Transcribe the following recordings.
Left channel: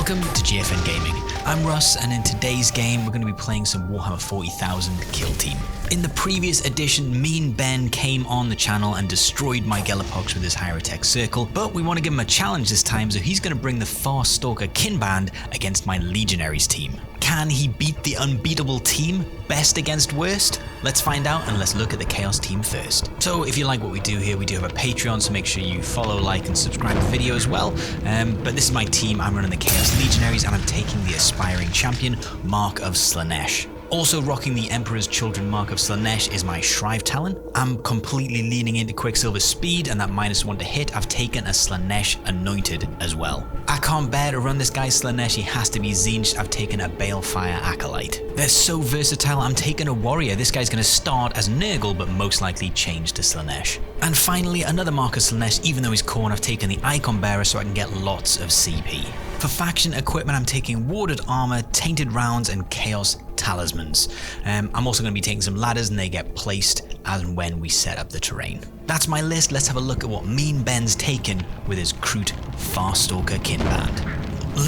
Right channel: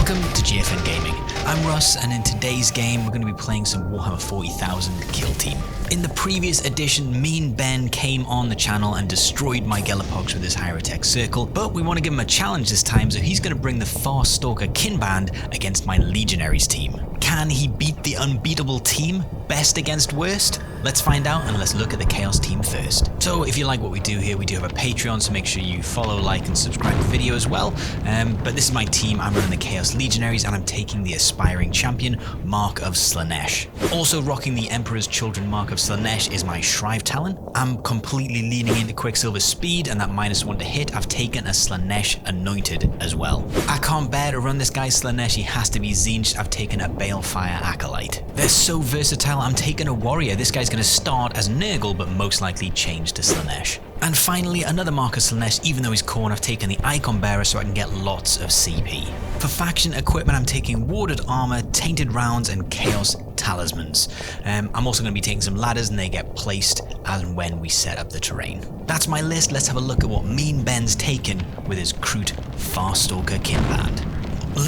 Welcome to GFN Gaming. I'm Russ, and in today's game we're going to be playing some Warhammer 40,000 Kill Team. In the previous edition, Mean Ben came on the channel and destroyed my Gelapox with his Hierotech Circle, but we want to give him a challenge this time, so he's going to bring the Farstalker Kinband against my Legionaries team. Can he beat the unbeatable team? Best against worst? Let's find out, and let's look at the Chaos team first. So if you like what we do here, we do have a Patreon, so make sure you follow, like, and subscribe to the video as well. But this is my team. I'm running the Chaos Legionaries, and I'm taking the Aspiring Champion, Mark of Slanesh. Also rocking the Emperor's Children Mark of Slanesh is my Shrive Talon. I'm completely leaning into Quicksilver Speed, and that -1 to hit. I've taken a Slanesh Anointed as well. I can't bear to run this guy Slanesh, he has to be Tzeentch. I've taken a Balefire Acolyte. They're so versatile. I'm taking a Warrior. This guy's going to start as Nurgle, but most likely change to Slanesh. And finally, another Mark of Slanesh. Even though he's Khorne, I've taken the Icon Bearer so I can get lots of CP. For faction equipment, I'm taking Warded Armor, Tainted Rounds, and Chaos Talismans. I'm also going to be taking some ladders, and they get placed as and when we set up the terrain. That's my list. Let's have a look at what Mean Ben's taken with his Kroot Farstalker Kinband.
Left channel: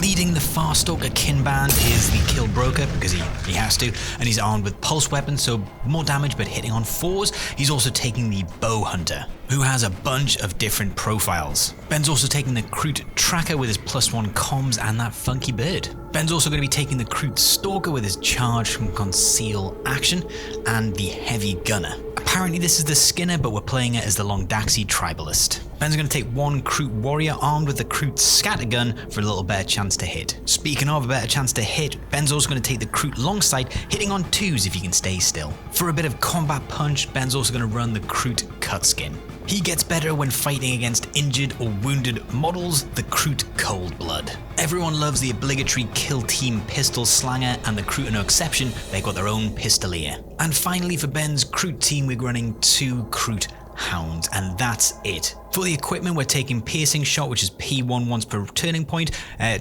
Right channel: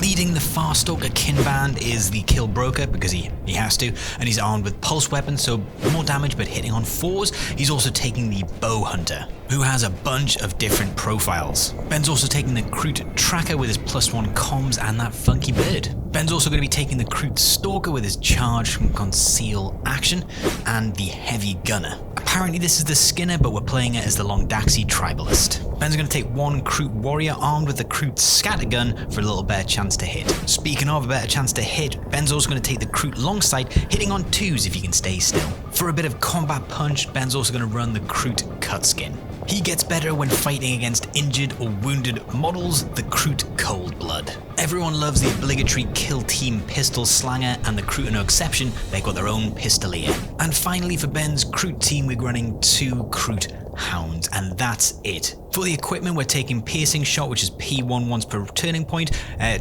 Leading the Farstalker Kinband is the Kill Broker, because he has to, and he's armed with Pulse Weapons, so more damage but hitting on 4s. He's also taking the Bow Hunter, who has a bunch of different profiles. Ben's also taking the Kroot Tracker with his +1 comms and that funky bird. Ben's also going to be taking the Kroot Stalker with his charge from conceal action and the Heavy Gunner. Apparently this is the Skinner, but we're playing it as the Longdaxi Tribalist. Ben's going to take one Kroot Warrior armed with the Kroot Scattergun for a little better chance to hit. Speaking of a better chance to hit, Ben's also going to take the Kroot Longsight, hitting on 2s if he can stay still. For a bit of combat punch, Ben's also going to run the Kroot Cutskin. He gets better when fighting against injured or wounded models, the Kroot Cold Blood. Everyone loves the obligatory Kill Team Pistol Slanger, and the Kroot are no exception. They've got their own Pistolier. And finally, for Ben's Kroot team, we're running 2 Kroot Hounds, and that's it. For the equipment, we're taking Piercing Shot, which is P1 once per turning point,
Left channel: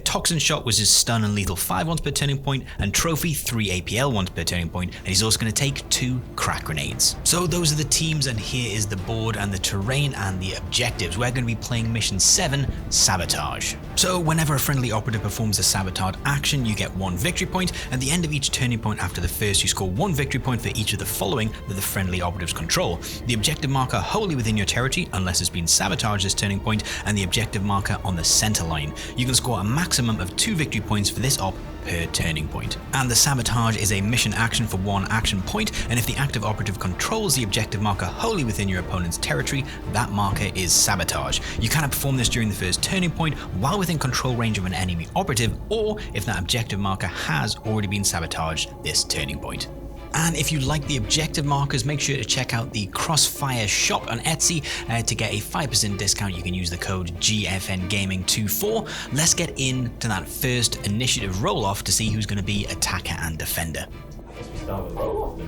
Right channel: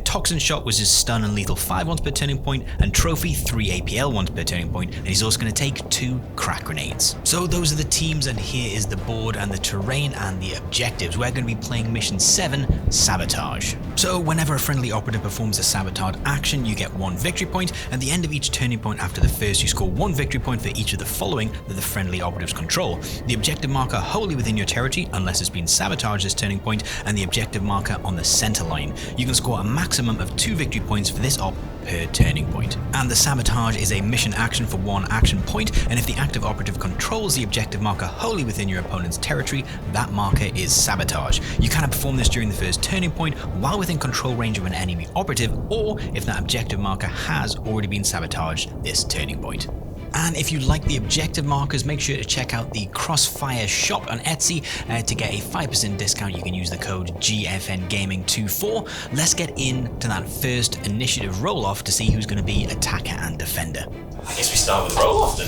Toxin Shot, which is Stun and Lethal 5 once per turning point, and Trophy 3 APL once per turning point, and he's also going to take 2 Crack Grenades. So those are the teams, and here is the board and the terrain and the objectives. We're going to be playing Mission 7, Sabotage. So whenever a friendly operative performs a sabotage action, you get 1 victory point. At the end of each turning point after the first, you score 1 victory point for each of the following that the friendly operatives control. The objective marker wholly within your territory, unless it's been sabotaged this turning point, and the objective marker on the center line. You can score a maximum of 2 victory points for this op per turning point. And the sabotage is a mission action for 1 action point, and if the active operative controls the objective marker wholly within your opponent's territory, that marker is sabotage. You cannot perform this during the first turning point while within control range of an enemy operative, or if that objective marker has already been sabotaged this turning point. And if you like the objective markers, make sure to check out the Crossfire shop on Etsy to get a 5% discount. You can use the code GFNGaming24. Let's get into that first initiative roll-off to see who's going to be attacker and defender. I guess we start with roll-off then.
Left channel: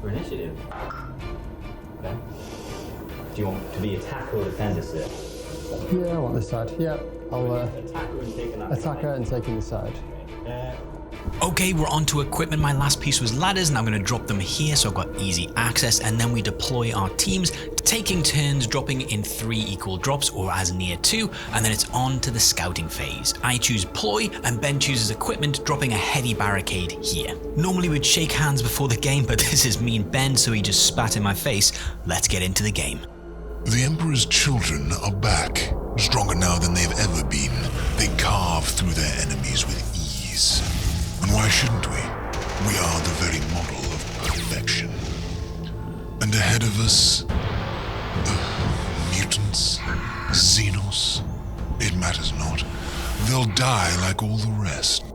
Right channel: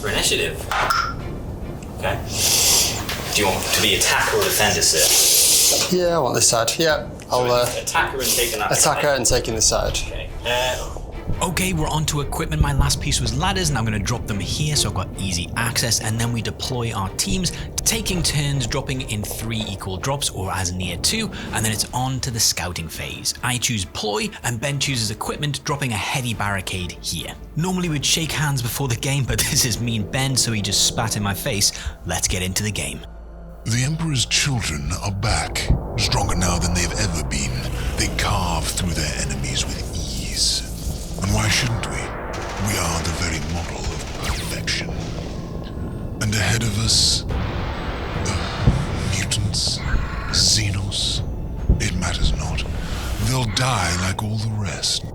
For initiative. Okay. Do you want to be attacker or defender, sir? Yeah, I want this side. Yeah, I'll attacker and taking that attacker side. and taking the side. Okay. Okay, we're on to equipment. My last piece was ladders, and I'm going to drop them here so I've got easy access, and then we deploy our teams, taking turns dropping in 3 equal drops or as near 2, and then it's on to the scouting phase. I choose Ploy, and Ben chooses equipment, dropping a heavy barricade here. Normally we'd shake hands before the game, but this is Mean Ben, so he just spat in my face. Let's get into the game. The Emperor's children are back, stronger now than they've ever been. They carve through their enemies with ease. And why shouldn't we? We are the very model of perfection. And ahead of us, mutants, Xenos, it matters not. They'll die like all the rest.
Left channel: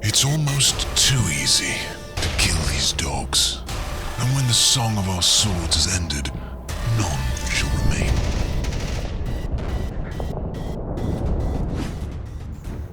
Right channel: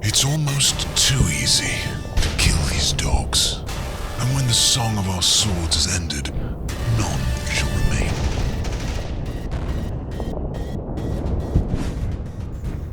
It's almost too easy to kill these dogs. And when the song of our swords is ended, none shall remain.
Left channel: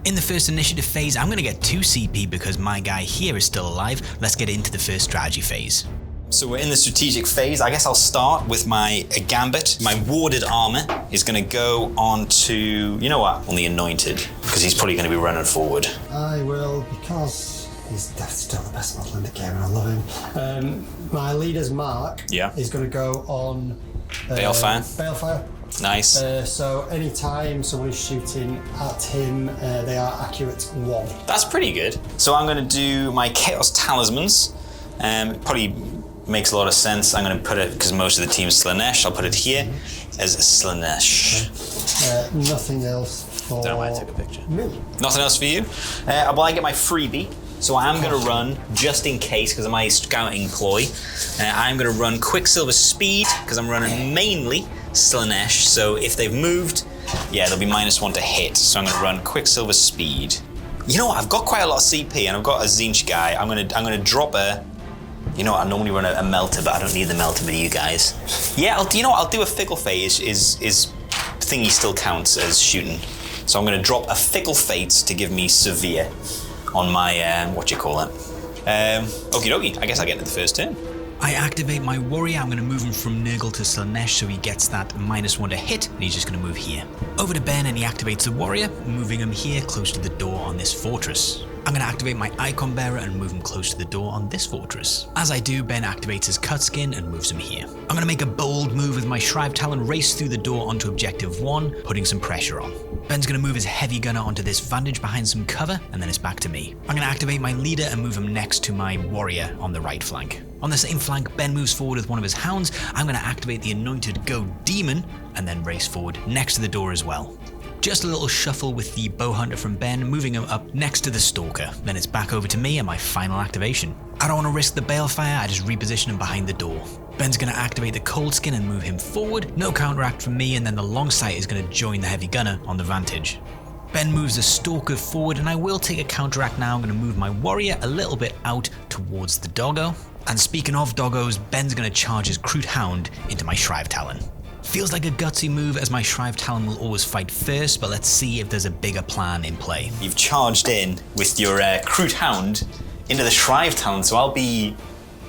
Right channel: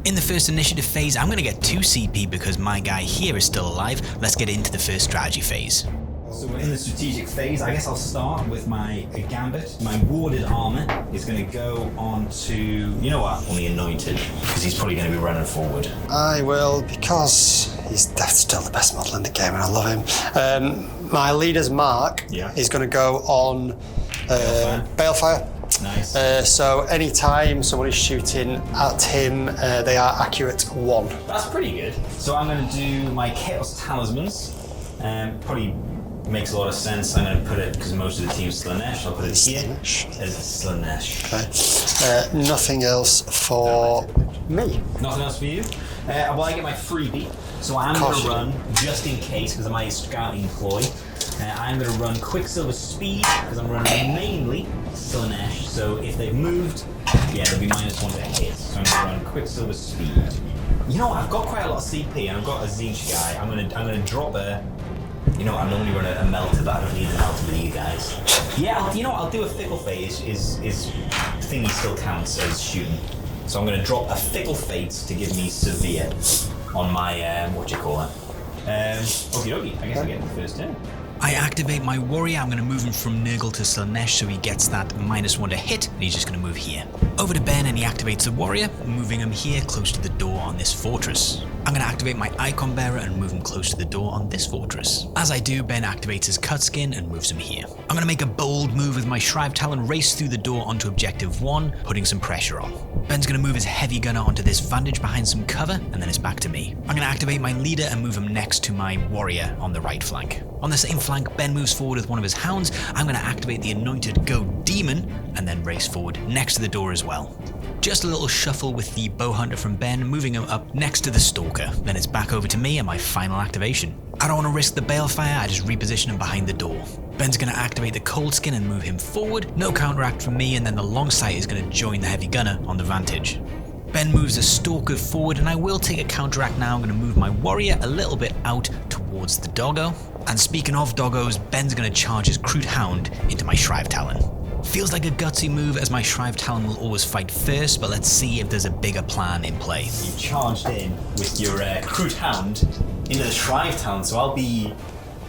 In the first initiative phase, I'm going to get 2 CP because my guy here is still alive. Let's get into the first strategy phase. So we're in the strategic phase. I guess I'll start with my Gambit. My Warded Armor is going to go on to, you know what, on the Anointed, because he's probably going to be running forward. I will, because that's still the best model in the game and I love him. My leader's Mark is going to go on Balefire. Balefire. Nice. So anytime someone is shooting at him, they are accurate 1. That's pretty good. So I'm going to do my Chaos Talismans. Probably makes a lot of sense. I'm going to put it, because most of the team is Slanesh, I'll put it here as a Slanesh. Okay. Nothing else for me. Nothing else for you? Well, I get my freebie. So I'm going to run, just in case, because of my scouting ploy, I'm going to run Quicksilver Speed, because I'm running mainly Slanesh. So if they've moved, yeah, they'll be -1 to hit. So I'm going to run Quicksilver Speed. You know what? I've got quite a lot of CP, and I've got a Zinch guy. I'm going to drop a... You know what? I normally run a Melter, but I don't need the Melter with you guys. Yeah, you know what? I'll do a Fickle Fate. Is thingy still counts as shooting. So I'm going to drop a Fickle Fate to give me Severe on my, what do you call it? Okie dokie, I guess I'll get to the first turn. I activate my warrior. I'm going to move him from Nurgle to Slanesh so he gets that -1 to hit, and he's just going to move here. Over to Ben, and he activates the warrior, moving him here close to the door on this fortress. I'm going to activate my Icon Bearer and move him close to the door on this fortress. As I do, Ben activates his Cutskin and moves him here. I'm going to make a bold move with my Shrive Talon, race through the door onto Objective 1, putting some pressure on. Ben's going to move his Heavy Gunner onto this Vantage behind some cover, and then it's back to me. I'm going to activate my Leader and move him next to my Warrior on the right flank. On the same flank, Ben moves forward with one of his Hounds. I'm going to activate the Anointed Go Demon, and then race forward next to the door as well. Just a little shuffle with the Bow Hunter from Ben, moving him up next to the Stalker. Then it's back over to me and my final activation. I don't want to risk the Balefire, I just reposition him behind the door. Ben's going to activate the Cold Skin and move him forward. No counteract from me, and then the Long Sight is going to join the Heavy Gunner on the Vantage. Ben moves the Stalker forward, and I will take a counteract now. I'm going to move my Warrior a little bit out towards the Doggo. And speaking of Doggos, Ben's going to charge his Crude Hound into my Shrive Talon. Feels like a gutsy move, as my Shrive Talon will always fight first, but let's see if there's a bigger plan in play. You've charged in with your Crude Hound into the Shrive Talon, so I'll be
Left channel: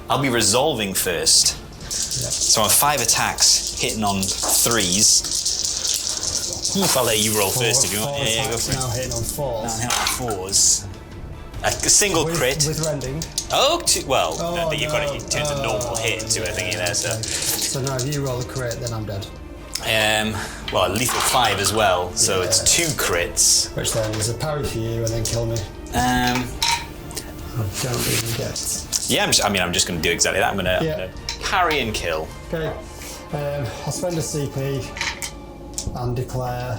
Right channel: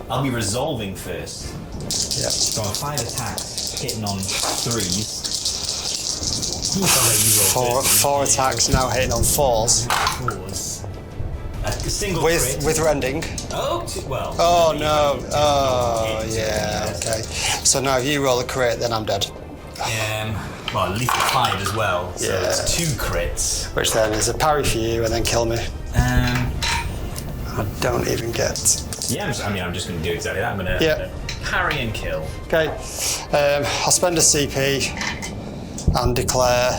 resolving first. Yep. So on 5 attacks, hitting on 3s. I'll let you roll first. If you Four want. attacks now hitting on 4s. Hitting on 4s. A single crit. With rending. Oh, well. Oh, you've no. got to turn the normal hit into a thingy there. Okay. So now if you roll a crit, then I'm dead. Well, lethal 5 as well, so it's 2 crits. Which then is a parry for you and then kill me. I don't even get... Yeah, I'm just going to do exactly that. I'm going to parry and kill. Okay. I'll spend a CP and declare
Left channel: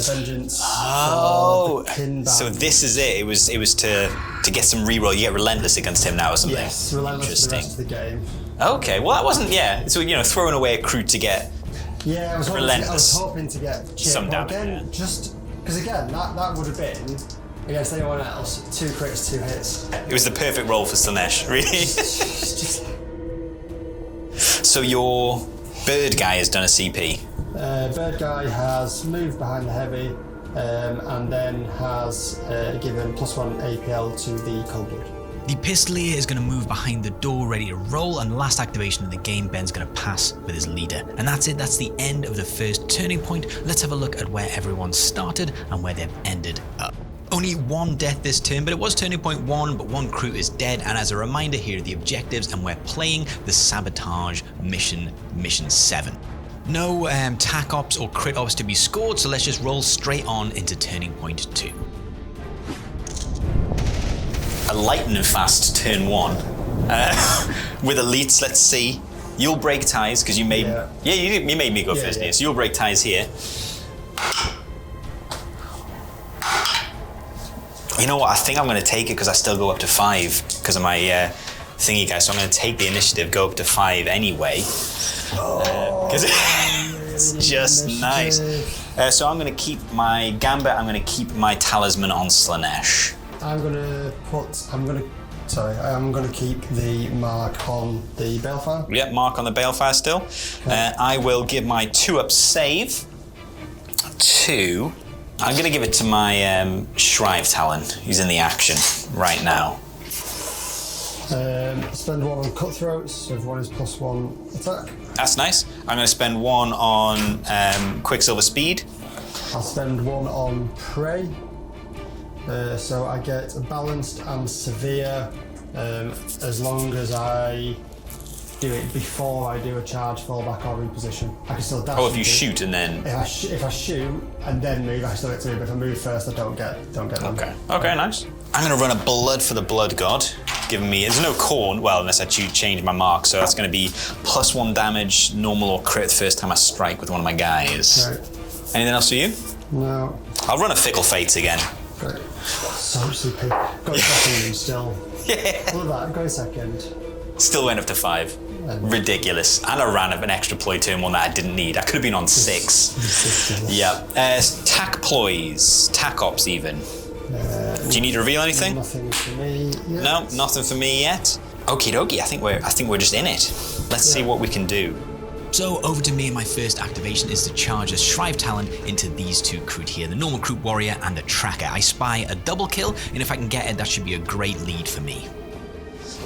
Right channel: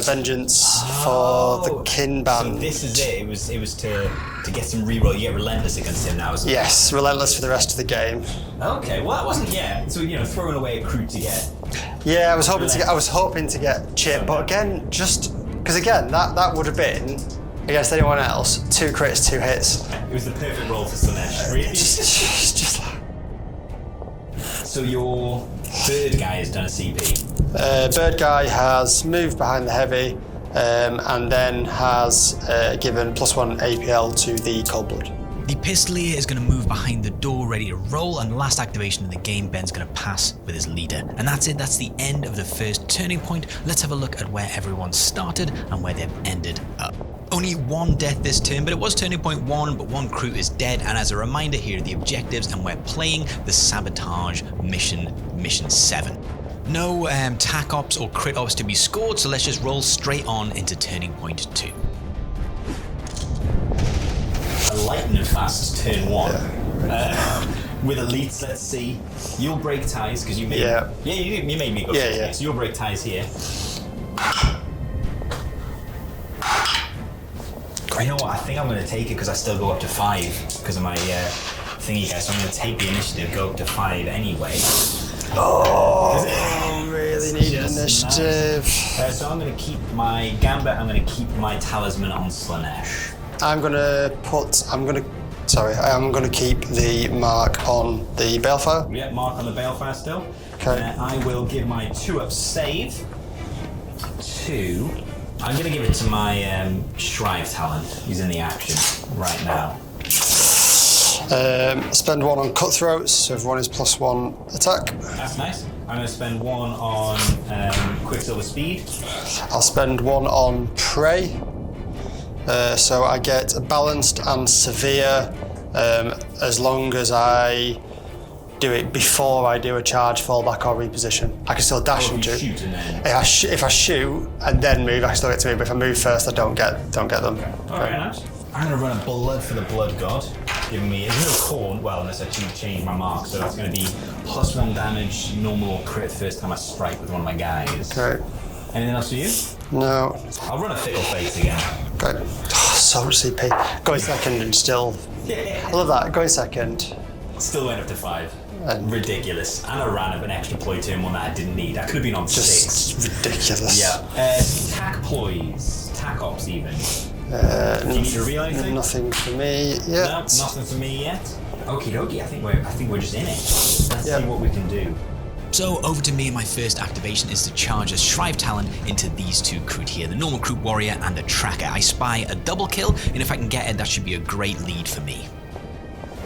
vengeance for the Kinband. So this is it. It was to get some reroll. You get relentless against him now, isn't it? Yes, relentless for the rest of the game. Okay, well that wasn't. Yeah, so throwing away a crew to get. Yeah, I was hoping to get chip, but again, just because again that would have been against anyone else 2 crits, 2 hits. It was the perfect roll for Slanesh, really. just like... So your bird guy has done a CP. Bird guy has moved behind the heavy, and then has given +1 APL to the Cold Blood. The Pistolier is going to move behind the door, ready to roll, and last activation of the game, Ben's going to pass with his Leader. And that's it, that's the end of the first turning point. Let's have a look at where everyone started and where they've ended up. Only 1 death this turn, but it was turning point 1, but 1 crew is dead. And as a reminder, here are the objectives, and we're playing the Sabotage mission 7. No tac ops or crit ops to be scored, so let's just roll straight on into turning point 2. A lightning fast turn 1. With elites, let's see. You'll break ties because you made. You made me go first here, so you'll break ties here. You know what? I think I'm going to take it because I still go up to 5 because of my thingy guy. So I'm going to take the initiative, go up to 5 anyway. Oh, really need just initiative. Nice. So I'm going to keep my Gambit. I'm going to keep my Talisman on Slanesh. I'm going to keep the mark on the Balefire. Yeah, mark on the Balefire still. Okay. I will give my 2-up save to... I'm going to give it to my Shrive Talon, who's in the action right now. Spend 1 on Cutthroats, so everyone is +1 attack. That's nice. I'm going to spend 1 on Quicksilver Speed. I'll spend 1 on Prey. So I get Balanced and Severe as long as I do it before I do a charge, fall back, or reposition. I can still dash. Oh, if you shoot and then. If I shoot and then move, I can still get to move. But if I move first, I don't get them. Okay, nice. I'm going to run a blood for the blood god, giving me. There's no corn. Well, unless I change my mark, so that's going to be +1 damage, normal or crit the first time I strike with one of my guys. Okay. Anything else for you? No. I'll run a fickle fates again. Okay. Oh, so much CP. Going second and still. Yeah. I love that. Going second. Still went up to 5. Ridiculous. And I ran up an extra ploy turn one that I didn't need. I could have been on 6. Ridiculous. Yeah. Tac ploys, tac ops even. Do you need to reveal anything? Nothing for me yet. No, nothing for me yet. Okie dokie. I think we're just in it. Let's see what we can do. So over to me, and my first activation is to charge a Shrive Talon into these 2 Kroot here, the normal Kroot warrior and the tracker. I spy a double kill, and if I can get it, that should be a great lead for me.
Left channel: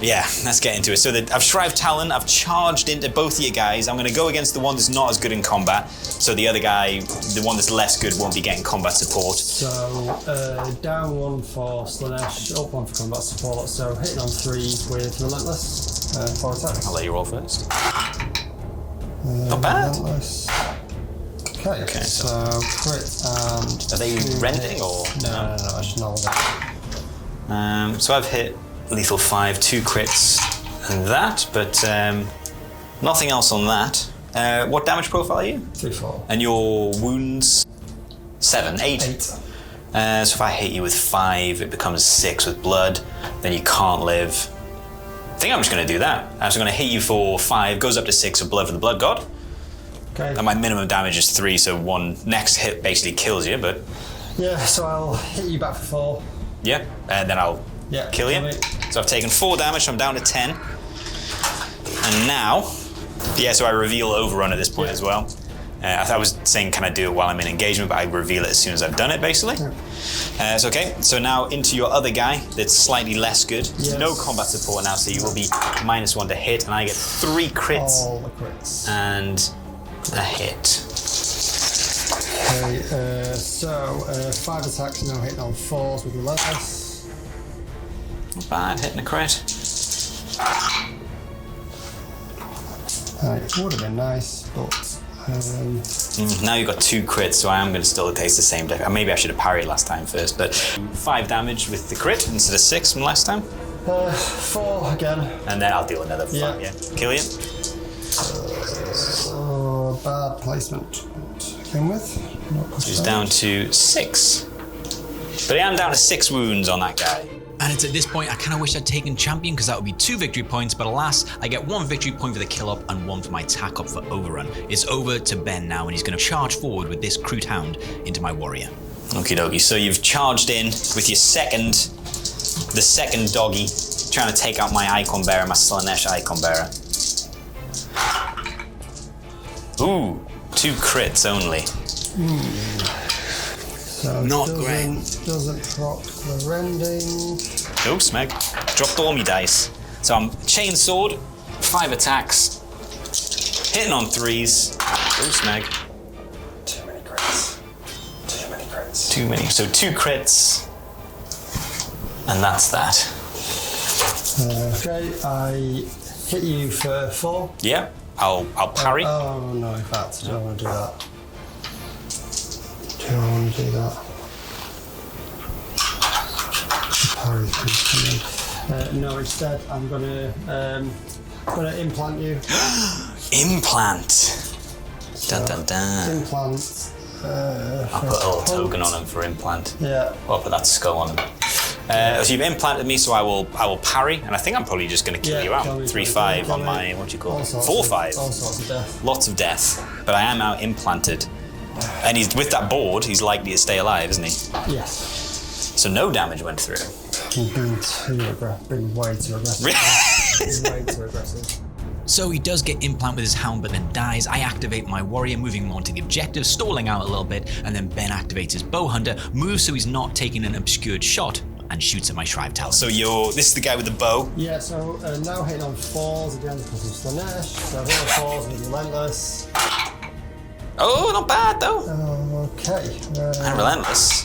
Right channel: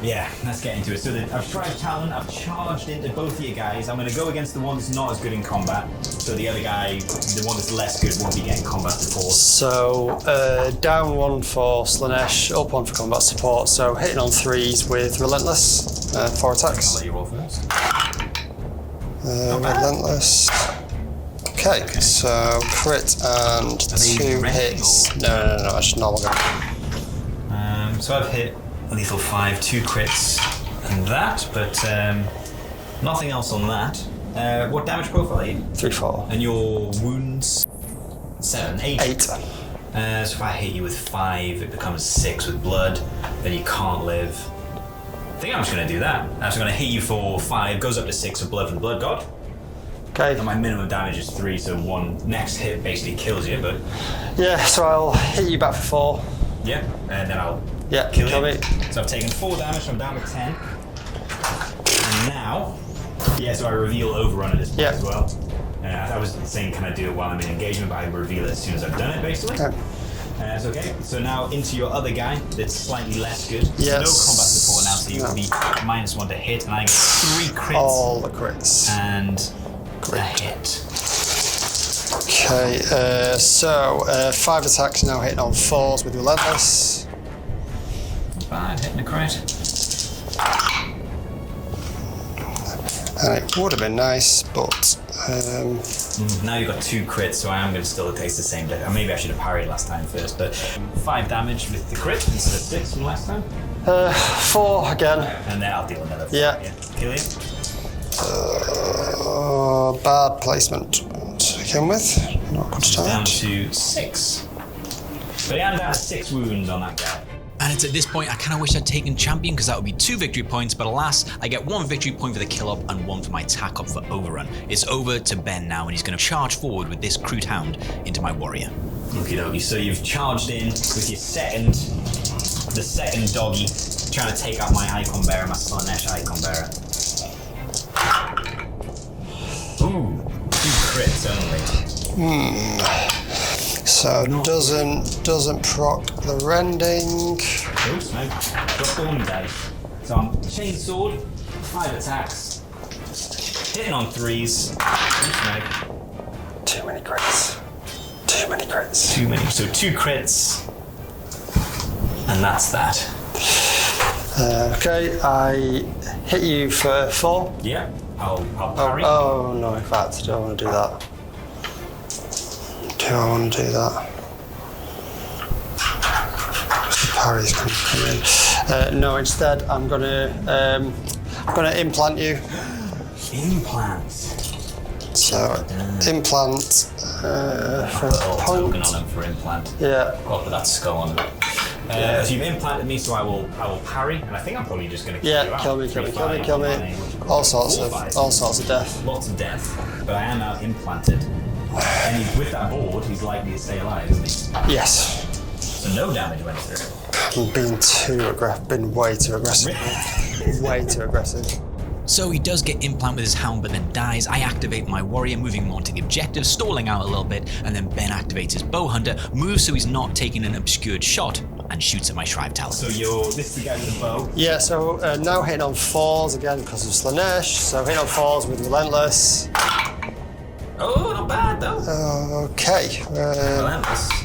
Yeah, let's get into it. So I've Shrive Talon, I've charged into both of you guys. I'm going to go against the one that's not as good in combat. So the other guy, the one that's less good, won't be getting combat support. So down 1 for Slanesh, up 1 for combat support. So hitting on 3s with Relentless, 4 attacks. I'll let you roll first. Relentless. Okay, so crit and 2 hits. No, that's normal. So I've hit lethal 5, 2 crits, and that, but nothing else on that. What damage profile are you? 3/4. And your wounds? 7, 8. 8. So if I hit you with 5, it becomes 6 with blood. Then you can't live. I think I'm just going to do that. I'm just going to hit you for 5, goes up to 6 with blood for the blood god. Okay. And my minimum damage is 3, so one next hit basically kills you. But yeah, so I'll hit you back for 4. yeah, and then I'll kill you. Me. So I've taken 4 damage, so I'm down to 10. And now, so I reveal overrun at this point as well. I was saying, can I do it while I'm in engagement, but I reveal it as soon as I've done it, basically. Okay. So now into your other guy that's slightly less good. Yes. No combat support now, so you will be -1 to hit, and I get 3 crits. All the crits. And a hit. Okay, so 5 attacks now hitting on 4s with Relentless. Not bad, hitting a crit. And it would have been nice, but... Now you've got 2 crits, so I am going to still taste the same deck. Maybe I should have parried last time first, but 5 damage with the crit instead of 6 from last time. 4 again. And then I'll deal another 4. Yeah. Kill you. Bad placement to begin with. Not good She's down to 6. But I am down to 6 wounds on that guy. And it's at this point I kind of wish I'd taken champion, because that would be 2 victory points, but alas, I get 1 victory point for the kill up and 1 for my tack up for overrun. It's over to Ben now, and he's going to charge forward with this Kroot Hound into my warrior. Okie dokie, so you've charged in with your the second doggy, trying to take out my Icon Bearer, my Slanesh Icon Bearer. Ooh, 2 crits only. So doesn't proc the rending. No, Smeg. Dropped all me dice. So I'm chain sword, 5 attacks, hitting on 3s. No, Smeg. Too many crits. Too many crits. Too many. So 2 crits, and that's that. Okay, I hit you for 4. Yeah, I'll parry. Oh no, in fact, I don't want to do that. Do I want to do that? The parry's coming in. No, instead I'm gonna implant you. Implant. So, implant. I'll put a little token on him for implant. Yeah. I'll put that skull on him. So you've implanted me, so I will parry, and I think I'm probably just going to kill you out. 3-5 on my, what do you call it? 4-5. All sorts of death. Lots of death, but I am out implanted. And he's with that board, he's likely to stay alive, isn't he? Yes. So no damage went through. I'm been way too aggressive. He's way too aggressive. So he does get implant with his hound, but then dies. I activate my warrior, moving him on to the objective, stalling out a little bit, and then Ben activates his bow hunter, moves so he's not taking an obscured shot, and shoots at my Shrive Talon. So this is the guy with the bow? Yeah, so now hitting on 4s again because of Slanesh. So hitting on 4s with Relentless. Oh, not bad though. Okay. Relentless.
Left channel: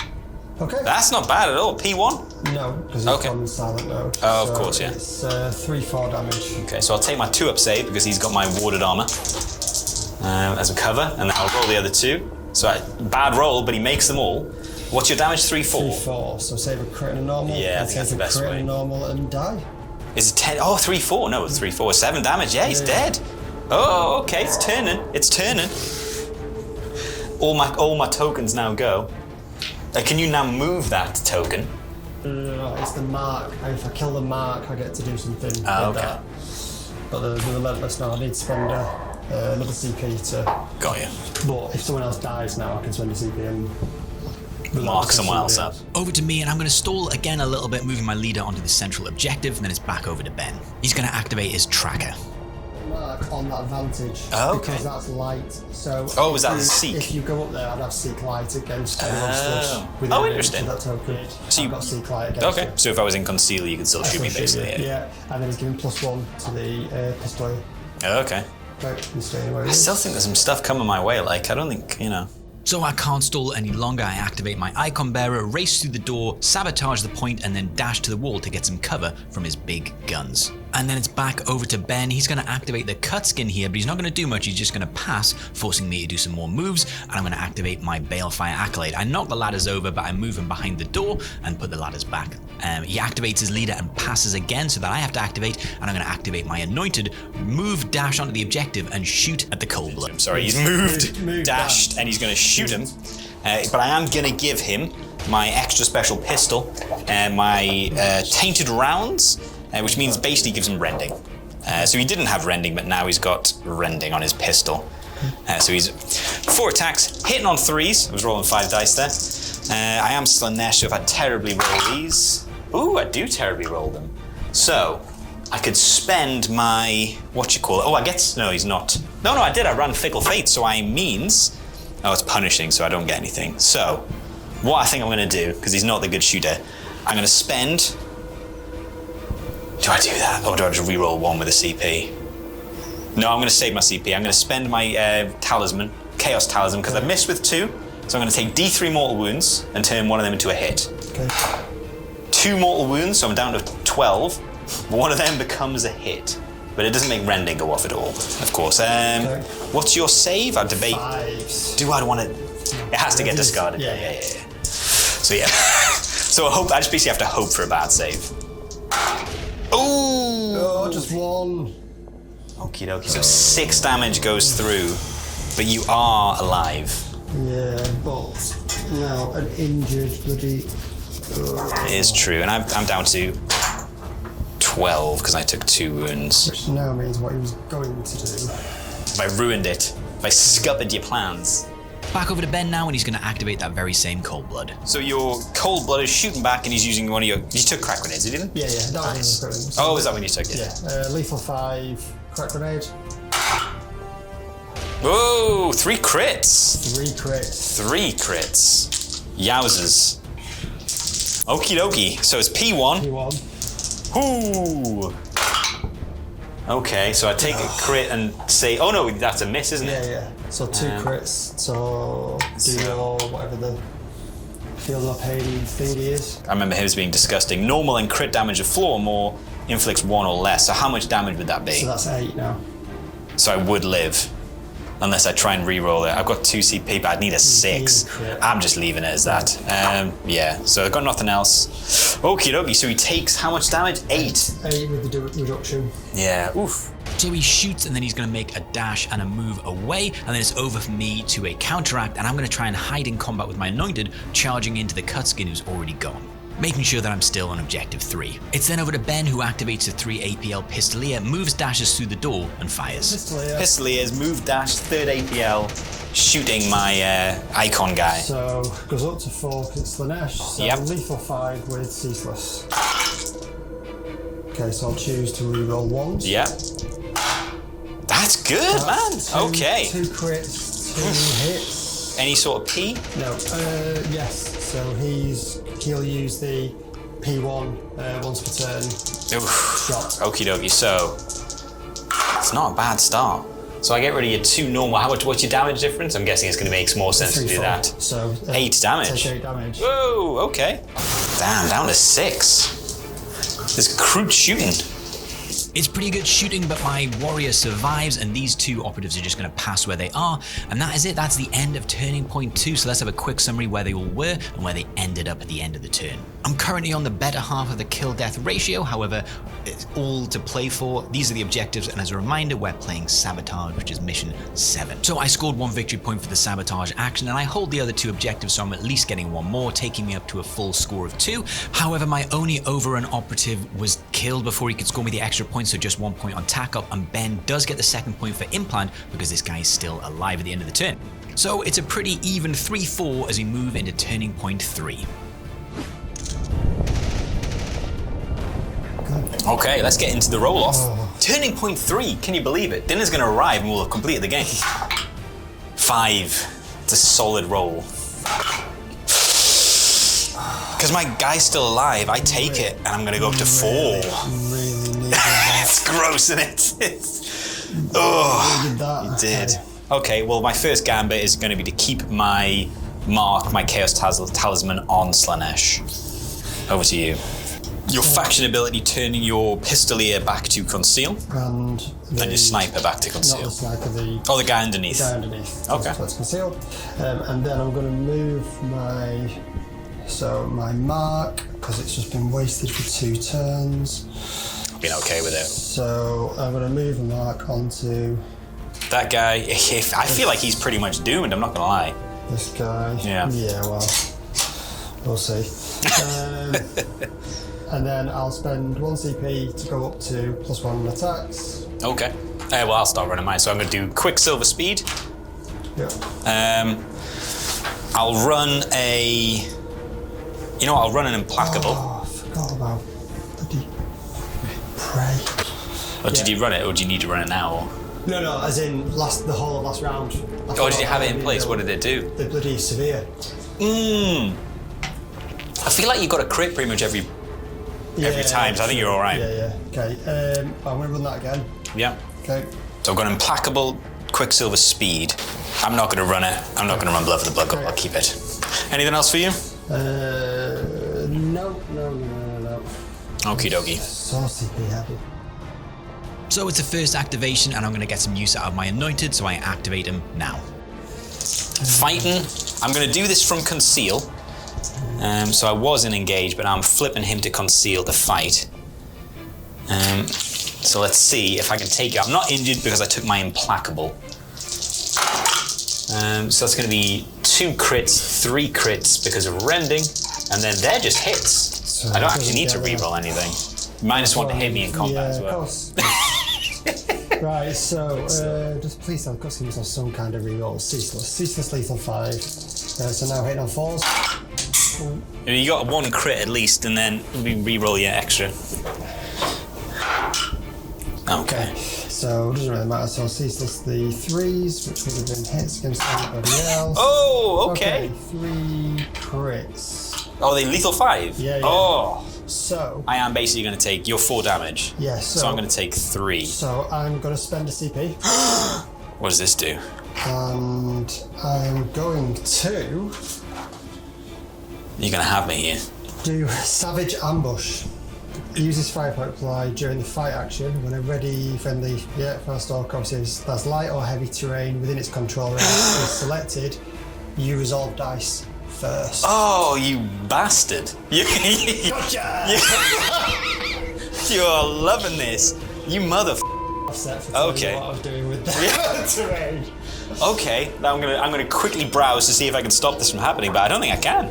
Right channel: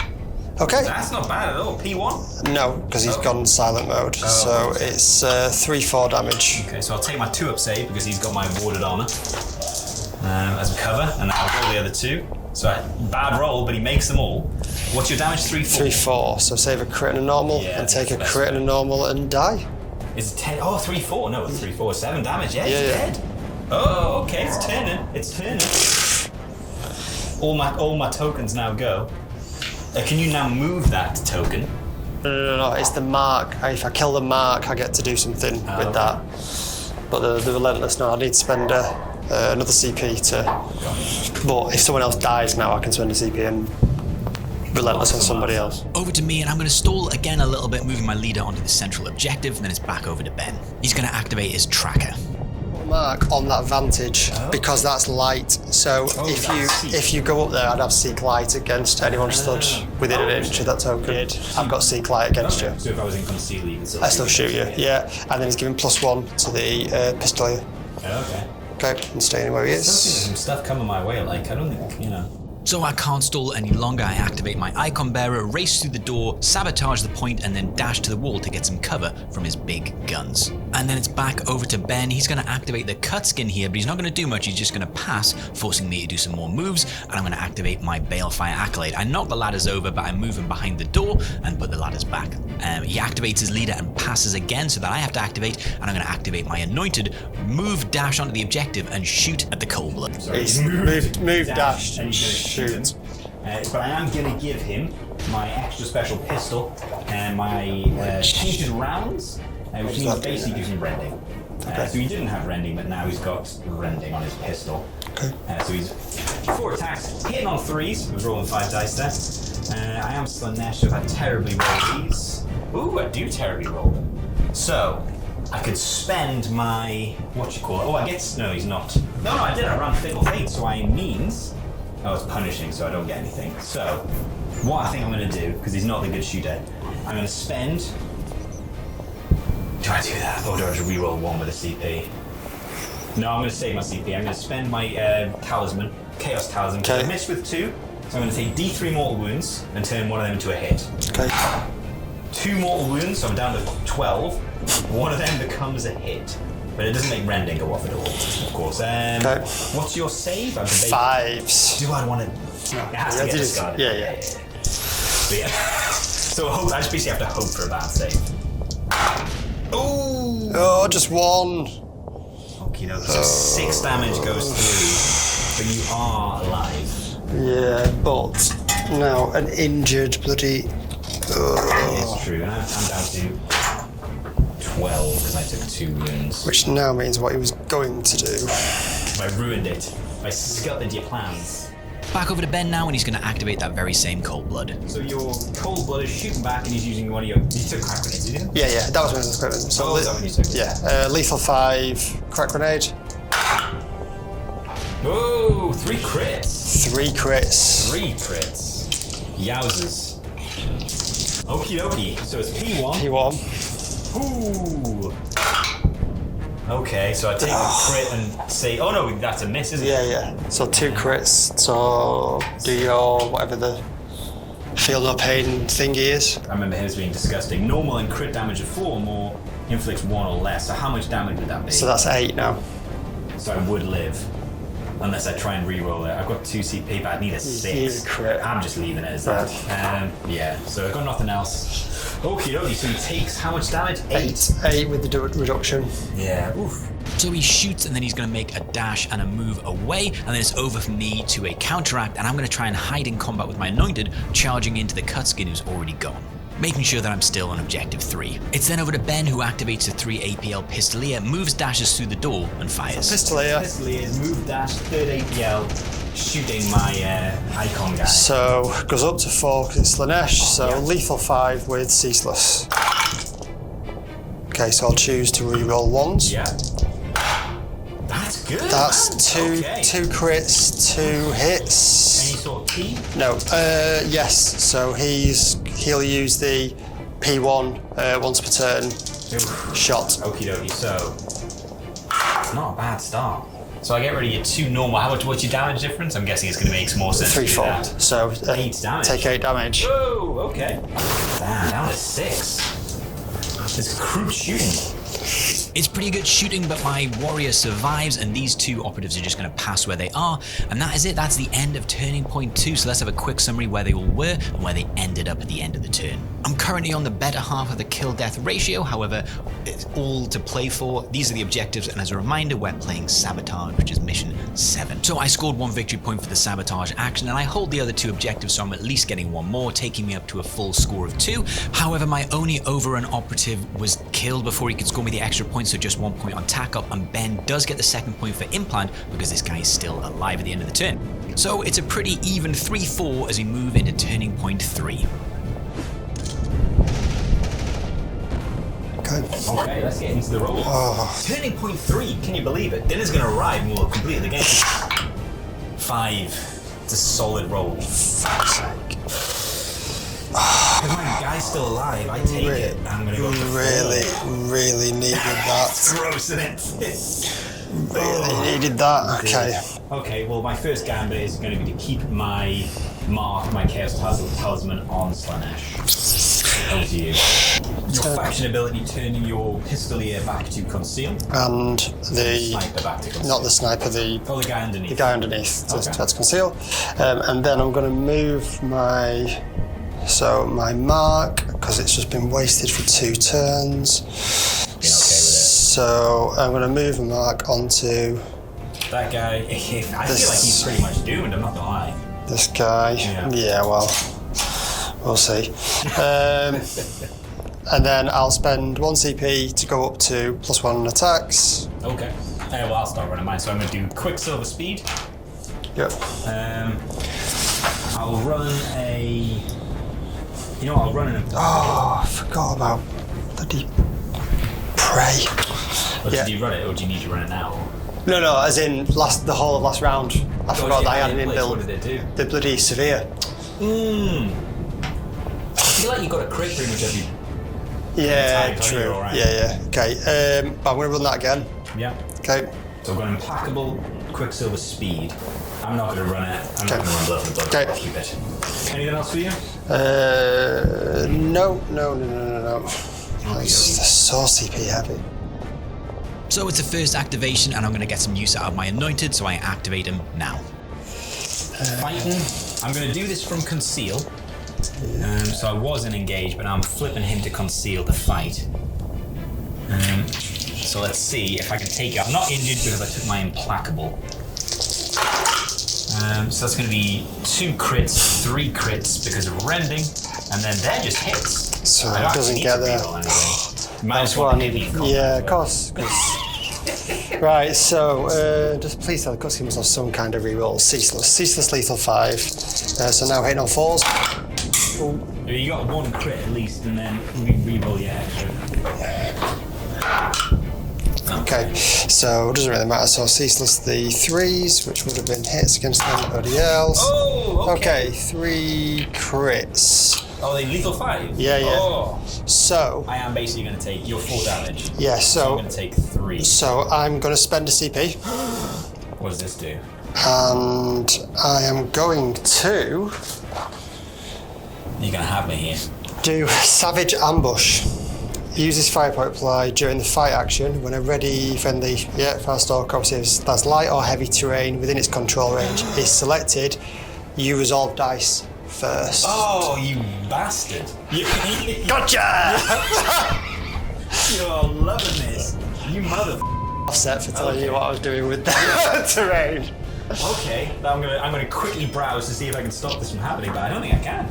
Okay. That's not bad at all. P1? No, because he's gone silent mode. Oh, so of course, yeah. it's 3/4 damage. Okay, so I'll take my 2-up save because he's got my warded armor as a cover, and then I'll roll the other 2. So bad roll, but he makes them all. What's your damage? 3/4? 3/4. So save a crit and a normal, Yeah, and take a that's the crit best and a normal and die. Is it 10? Oh, 3/4. No, it's 3/4. 7 damage. Yeah, he's dead. Oh, okay, it's turning. It's turning. All my tokens now go. Can you now move that token? No, it's the mark. If I kill the mark, I get to do something with that. But the relentless, no, I need to spend another CP to... Got you. But if someone else dies now, I can spend a CP and relentless on somebody else. Over to me, and I'm going to stall again a little bit, moving my leader onto the central objective, and then it's back over to Ben. He's going to activate his tracker. Mark on that vantage because that's light. So if you go up there, I'd have seek light against anyone stood within an inch of that token. So you've got seek light against you. So if I was in concealer, you could still shoot me. Shoot you. Yeah. And then he's giving +1 to the pistol. Okay. Okay, I'm staying where he is. I still think there's some stuff coming my way. Like I don't think So I can't stall any longer. I activate my icon bearer, race through the door, sabotage the point, and then dash to the wall to get some cover from his big guns. And then it's back over to Ben. He's going to activate the cut skin here, but he's not going to do much. He's just going to pass, forcing me to do some more moves. And I'm going to activate my Balefire Accolade. I knock the ladders over, but I move him behind the door and put the ladders back. He activates his leader and passes again, so that I have to activate. And I'm going to activate my Anointed, move, dash onto the objective, and shoot at the cold blood. Sorry, he's moved, dashed, and he's going to shoot him. But I am going to give him my extra special pistol and my tainted rounds, which means basically gives him rending. So he didn't have rending, but now he's got rending on his pistol. Okay. So he's 4 attacks, hitting on 3s. I was rolling 5 dice there. I am Slanesh, so if I terribly roll these... Ooh, I do terribly roll them. So I could spend my... Oh, I get... No, he's not. No, I did. I ran Fickle Fate, so I means... Oh, it's punishing, so I don't get anything. So, what I think I'm going to do, because he's not the good shooter, I'm going to spend... Do I do that? Or do I just reroll 1 with a CP? No, I'm going to save my CP. I'm going to spend my talisman, Chaos Talisman, because I missed with 2. So I'm going to take D3 mortal wounds and turn one of them into a hit. Okay. 2 mortal wounds, so I'm down to 12. One of them becomes a hit. But it doesn't make rending go off at all, of course. What's your save? I debate. 5s. Do I want to? No, it has to get discarded. Yeah. So yeah. So I just basically have to hope for a bad save. Ooh. Oh, just 1. Okie dokie. So 6 damage goes through, but you are alive. Yeah, but now an injured bloody... It is true, and I'm down to 12 because I took 2 wounds. Which now means what he was going to do. I ruined it. I scuppered your plans. Back over to Ben now, and he's going to activate that very same cold blood. So your cold blood is shooting back, and he's using one of your... You took crack grenades, did you? Yeah, that was when I was equipping. So is that when you took it? Yeah, lethal 5, crack grenade. Whoa, 3 crits. 3 crits. 3 crits. Yowzers. Okie dokie. So it's P1. Ooh. Okay, so I take a crit and say, oh no, that's a miss, isn't it? Yeah. So 2 crits. So do your whatever the field of pain thingy is. I remember his being disgusting. Normal and crit damage of 4 or more inflicts 1 or less. So how much damage would that be? So that's 8 now. So I would live. Unless I try and re-roll it. I've got 2 CP, but I'd need a 6. I'm just leaving it as that. Yeah, so I've got nothing else. Okie dokie, so he takes how much damage? 8. 8 with the reduction. Yeah, oof. So he shoots, and then he's going to make a dash and a move away, and then it's over for me to a counteract, and I'm going to try and hide in combat with my Anointed, charging into the Cutskin who's already gone, making sure that I'm still on objective 3. It's then over to Ben, who activates a 3 APL Pistolier, moves, dashes through the door, and fires. Pistolier is move, dash, 3rd APL, shooting my icon guy. So goes up to 4 because it's Slanesh, so lethal 5 with Ceaseless. Okay, so I'll choose to reroll 1s. Yeah. That's good, That's man. 2 crits, 2 hits. Any sort of P? No. Yes. So he'll use the P1 once per turn. Shot. Okie dokie. So it's not a bad start. So I get rid of your 2 normal. What's your damage difference? I'm guessing it's going to make more sense 3, to do 4. that. So 8 damage. Take 8 damage. Whoa, okay. Damn, down to 6. There's crude shooting. It's pretty good shooting, but my warrior survives, and these 2 operatives are just going to pass where they are. And that is it. That's the end of turning point 2. So let's have a quick summary where they all were and where they ended up at the end of the turn. I'm currently on the better half of the kill-death ratio. However, it's all to play for. These are the objectives, and as a reminder, we're playing Sabotage, which is mission 7. So I scored 1 victory point for the Sabotage action, and I hold the other 2 objectives, so I'm at least getting 1 more, taking me up to a full score of 2. However, my only overrun operative was killed before he could score me the extra point, so just 1 point on tack up, and Ben does get the 2nd point for implant because this guy is still alive at the end of the turn. So it's a pretty even 3-4 as we move into turning point 3. Okay, let's get into the roll-off. Oh. Turning point 3, can you believe it? Dinner's going to arrive and we'll have completed the game. 5. It's a solid roll. Because my guy's still alive, I take it and I'm going to go up to 4. Really needed that. It's gross, isn't it? Needed that. Okay. Okay, well, my first gambit is going to be to keep my mark, my Chaos Talisman on Slanesh. Over to you. Your faction ability turning your pistolier back to conceal. And the sniper back to conceal. Not the sniper, the guy underneath. The guy underneath. Okay. That's conceal. And then I'm going to move my mark, because it's just been wasted for 2 turns. Being okay with it. So I'm going to move a mark onto that guy. I feel like he's pretty much doomed, I'm not going to lie. This guy. Yeah, well, we'll see. And then I'll spend 1 CP to go up to +1 on attacks. Okay. Well, I'll start running mine. So I'm going to do Quicksilver Speed. Yep. I'll run a... I'll run an Implacable. Oh, I forgot about bloody Prey. Did you run it, or do you need to run it now? Or? No, as in the whole of last round. Did you have it in place? What did it do? The bloody Severe. I feel like you got a crit pretty much every time, so I think you're all right. Yeah. Okay, I'm going to run that again. Yeah. Okay. So I've got Implacable, Quicksilver Speed. I'm not going to run it. I'm not going to run Blood for the Blood. Okay. I'll keep it. Anything else for you? No. Okie dokie. So CP heavy. So it's the first activation, and I'm going to get some use out of my Anointed, so I activate him now. Fighting. I'm going to do this from Conceal. So I wasn't engaged, but now I'm flipping him to Conceal to fight. So let's see if I can take it. I'm not injured because I took my Implacable. So that's going to be 2 crits, 3 crits because of rending, and then they're just hits. So I don't actually need to reroll anything. -1 to hit me in combat. Yeah, of course. Right, so just please tell the cutscene must have some kind of reroll. Ceaseless lethal 5. So now hitting on 4s. Ooh. You got 1 crit at least, and then reroll your extra. Okay, so it doesn't really matter. So ceaseless the 3s, which would have been hits against anybody else. Oh, okay. Okay, 3 crits. Oh, they lethal 5? Yeah. Oh. So I am basically going to take your 4 damage. Yeah, so I'm going to take 3. So I'm going to spend a CP. What does this do? And I am going to... You're going to have me here. Do Savage Ambush. Use this fire point apply during the fight action when a ready friendly Farstalker obviously that's light or heavy terrain within its control range is selected. You resolve dice first. Oh, you bastard! Gotcha! You're loving this, you mother. Offset for telling you what I was doing with the terrain. Okay, now I'm gonna quickly browse to see if I can stop this from happening, but I don't think I can.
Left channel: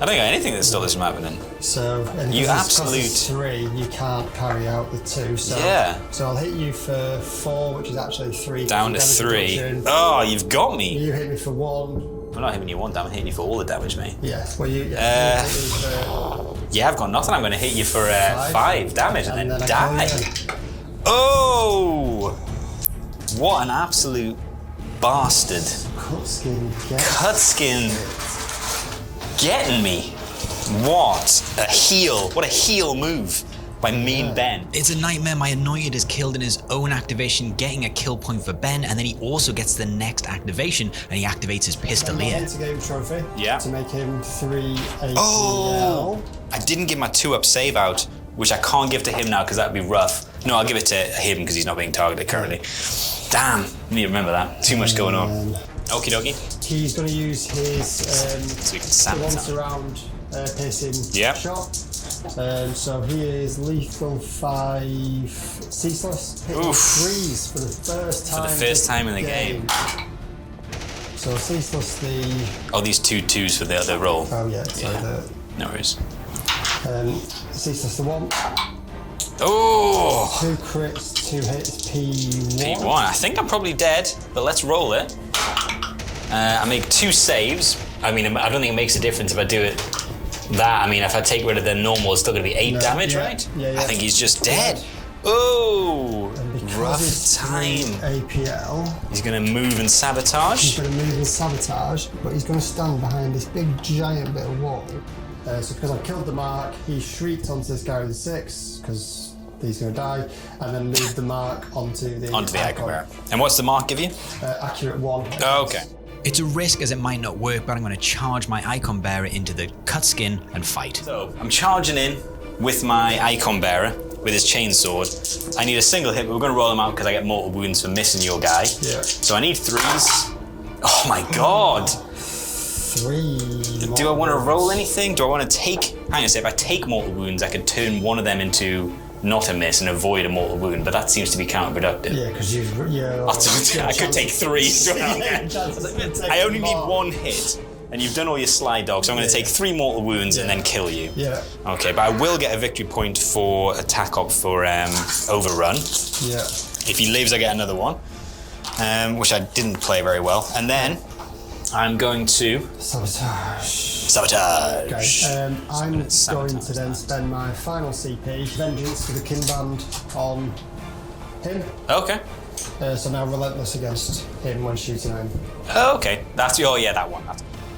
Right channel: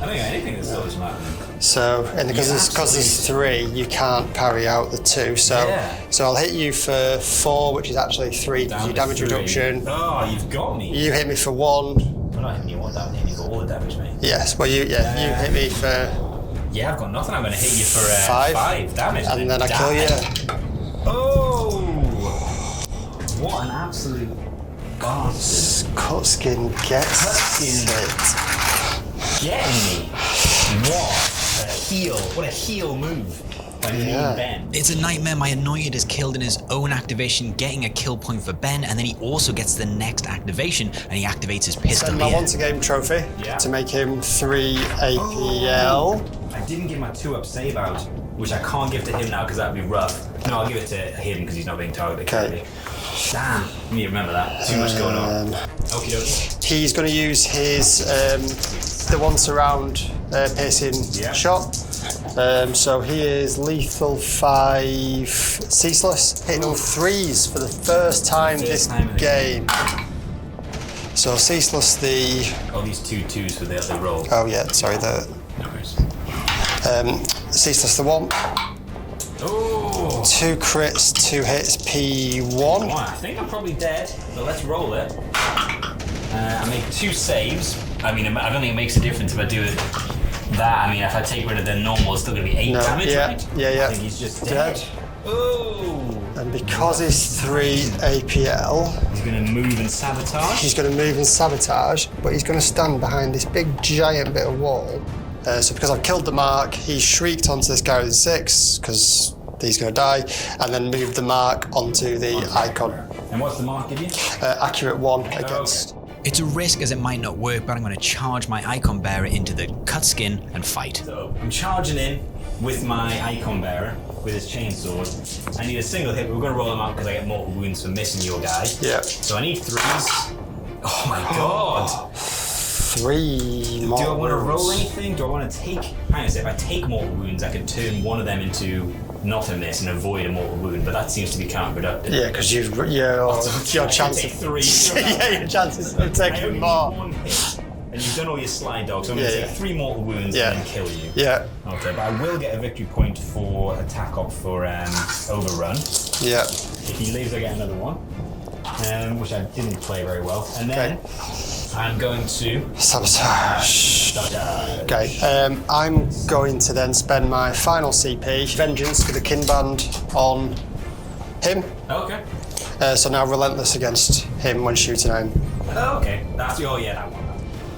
I don't got anything that stops this from happening. So, because it's 3, you can't parry out the 2. So, so I'll hit you for 4, which is actually 3 down to damage 3. reduction. Oh, you've got me. You hit me for 1. I'm not hitting you 1. I'm hitting you for all the damage, mate. Yes. Well, you hit me for. Yeah, I've got nothing. I'm going to hit you for 5 damage, and then I kill you. Oh! What an absolute bastard! Cutskin gets Cutskin. Getting me. What a heel. What a heel move. by Mean Ben. It's a nightmare. My Anointed is killed in his own activation, getting a kill point for Ben, and then he also gets the next activation, and he activates his And I Pistolier. want a game trophy Yeah. to make him 3 APL. I didn't give my 2-up save out, which I can't give to him now because that'd be rough. No, I'll give it to him because he's not being targeted currently. Damn, I need to remember that. Too much going on. Okie dokie. He's going to use his the one surround piercing shot. So he is lethal 5, ceaseless, hitting 3s for the first time first time in the game. So ceaseless the. Oh, these 2-2s for the other roll. Oh yeah, sorry the. No worries. Ceaseless the 1. Oh! 2 crits, 2 hits, P1. I think I'm probably dead, but let's roll it. I make 2 saves. I mean, I don't think it makes a difference if I do it that. I mean, if I take rid of the normal, it's still going to be 8 damage, right? Yeah. I think he's just dead. Oh! And because he's 3 APL, he's going to move and sabotage. he's going to move and sabotage, but he's going to stand behind this big giant bit of wall. So because I've killed the mark, he shrieked onto this guy with 6, because he's going to die, and then moved the mark onto the icon. And what's the mark give you? Accurate 1. Okay. It's a risk as it might not work, but I'm going to charge my Icon Bearer into the cut skin and fight. So I'm charging in with my Icon Bearer with his chainsword. I need a single hit, but we're going to roll him out because I get mortal wounds for missing your guy. Yeah. So I need 3s. Oh my god. 3 more. Do I want to roll anything? Do I want to take... Hang on a sec, if I take mortal wounds, I could turn one of them into not a miss and avoid a mortal wound, but that seems to be counterproductive. Yeah, because your I could take 3. yeah, your chances of taking I only more. need 1 hit, and you've done all your slide dog, so I'm going to take 3 mortal wounds and then kill you. Yeah. Okay, but I will get a victory point for attack op for overrun. Yeah. If he lives, I get another one, which I didn't play very well. And then I'm going to Sabotage. sabotage. Okay. I'm going to then spend my final CP, Vengeance, with a Kinband on him. Okay. So now Relentless against him when shooting at him. Okay. That's that one.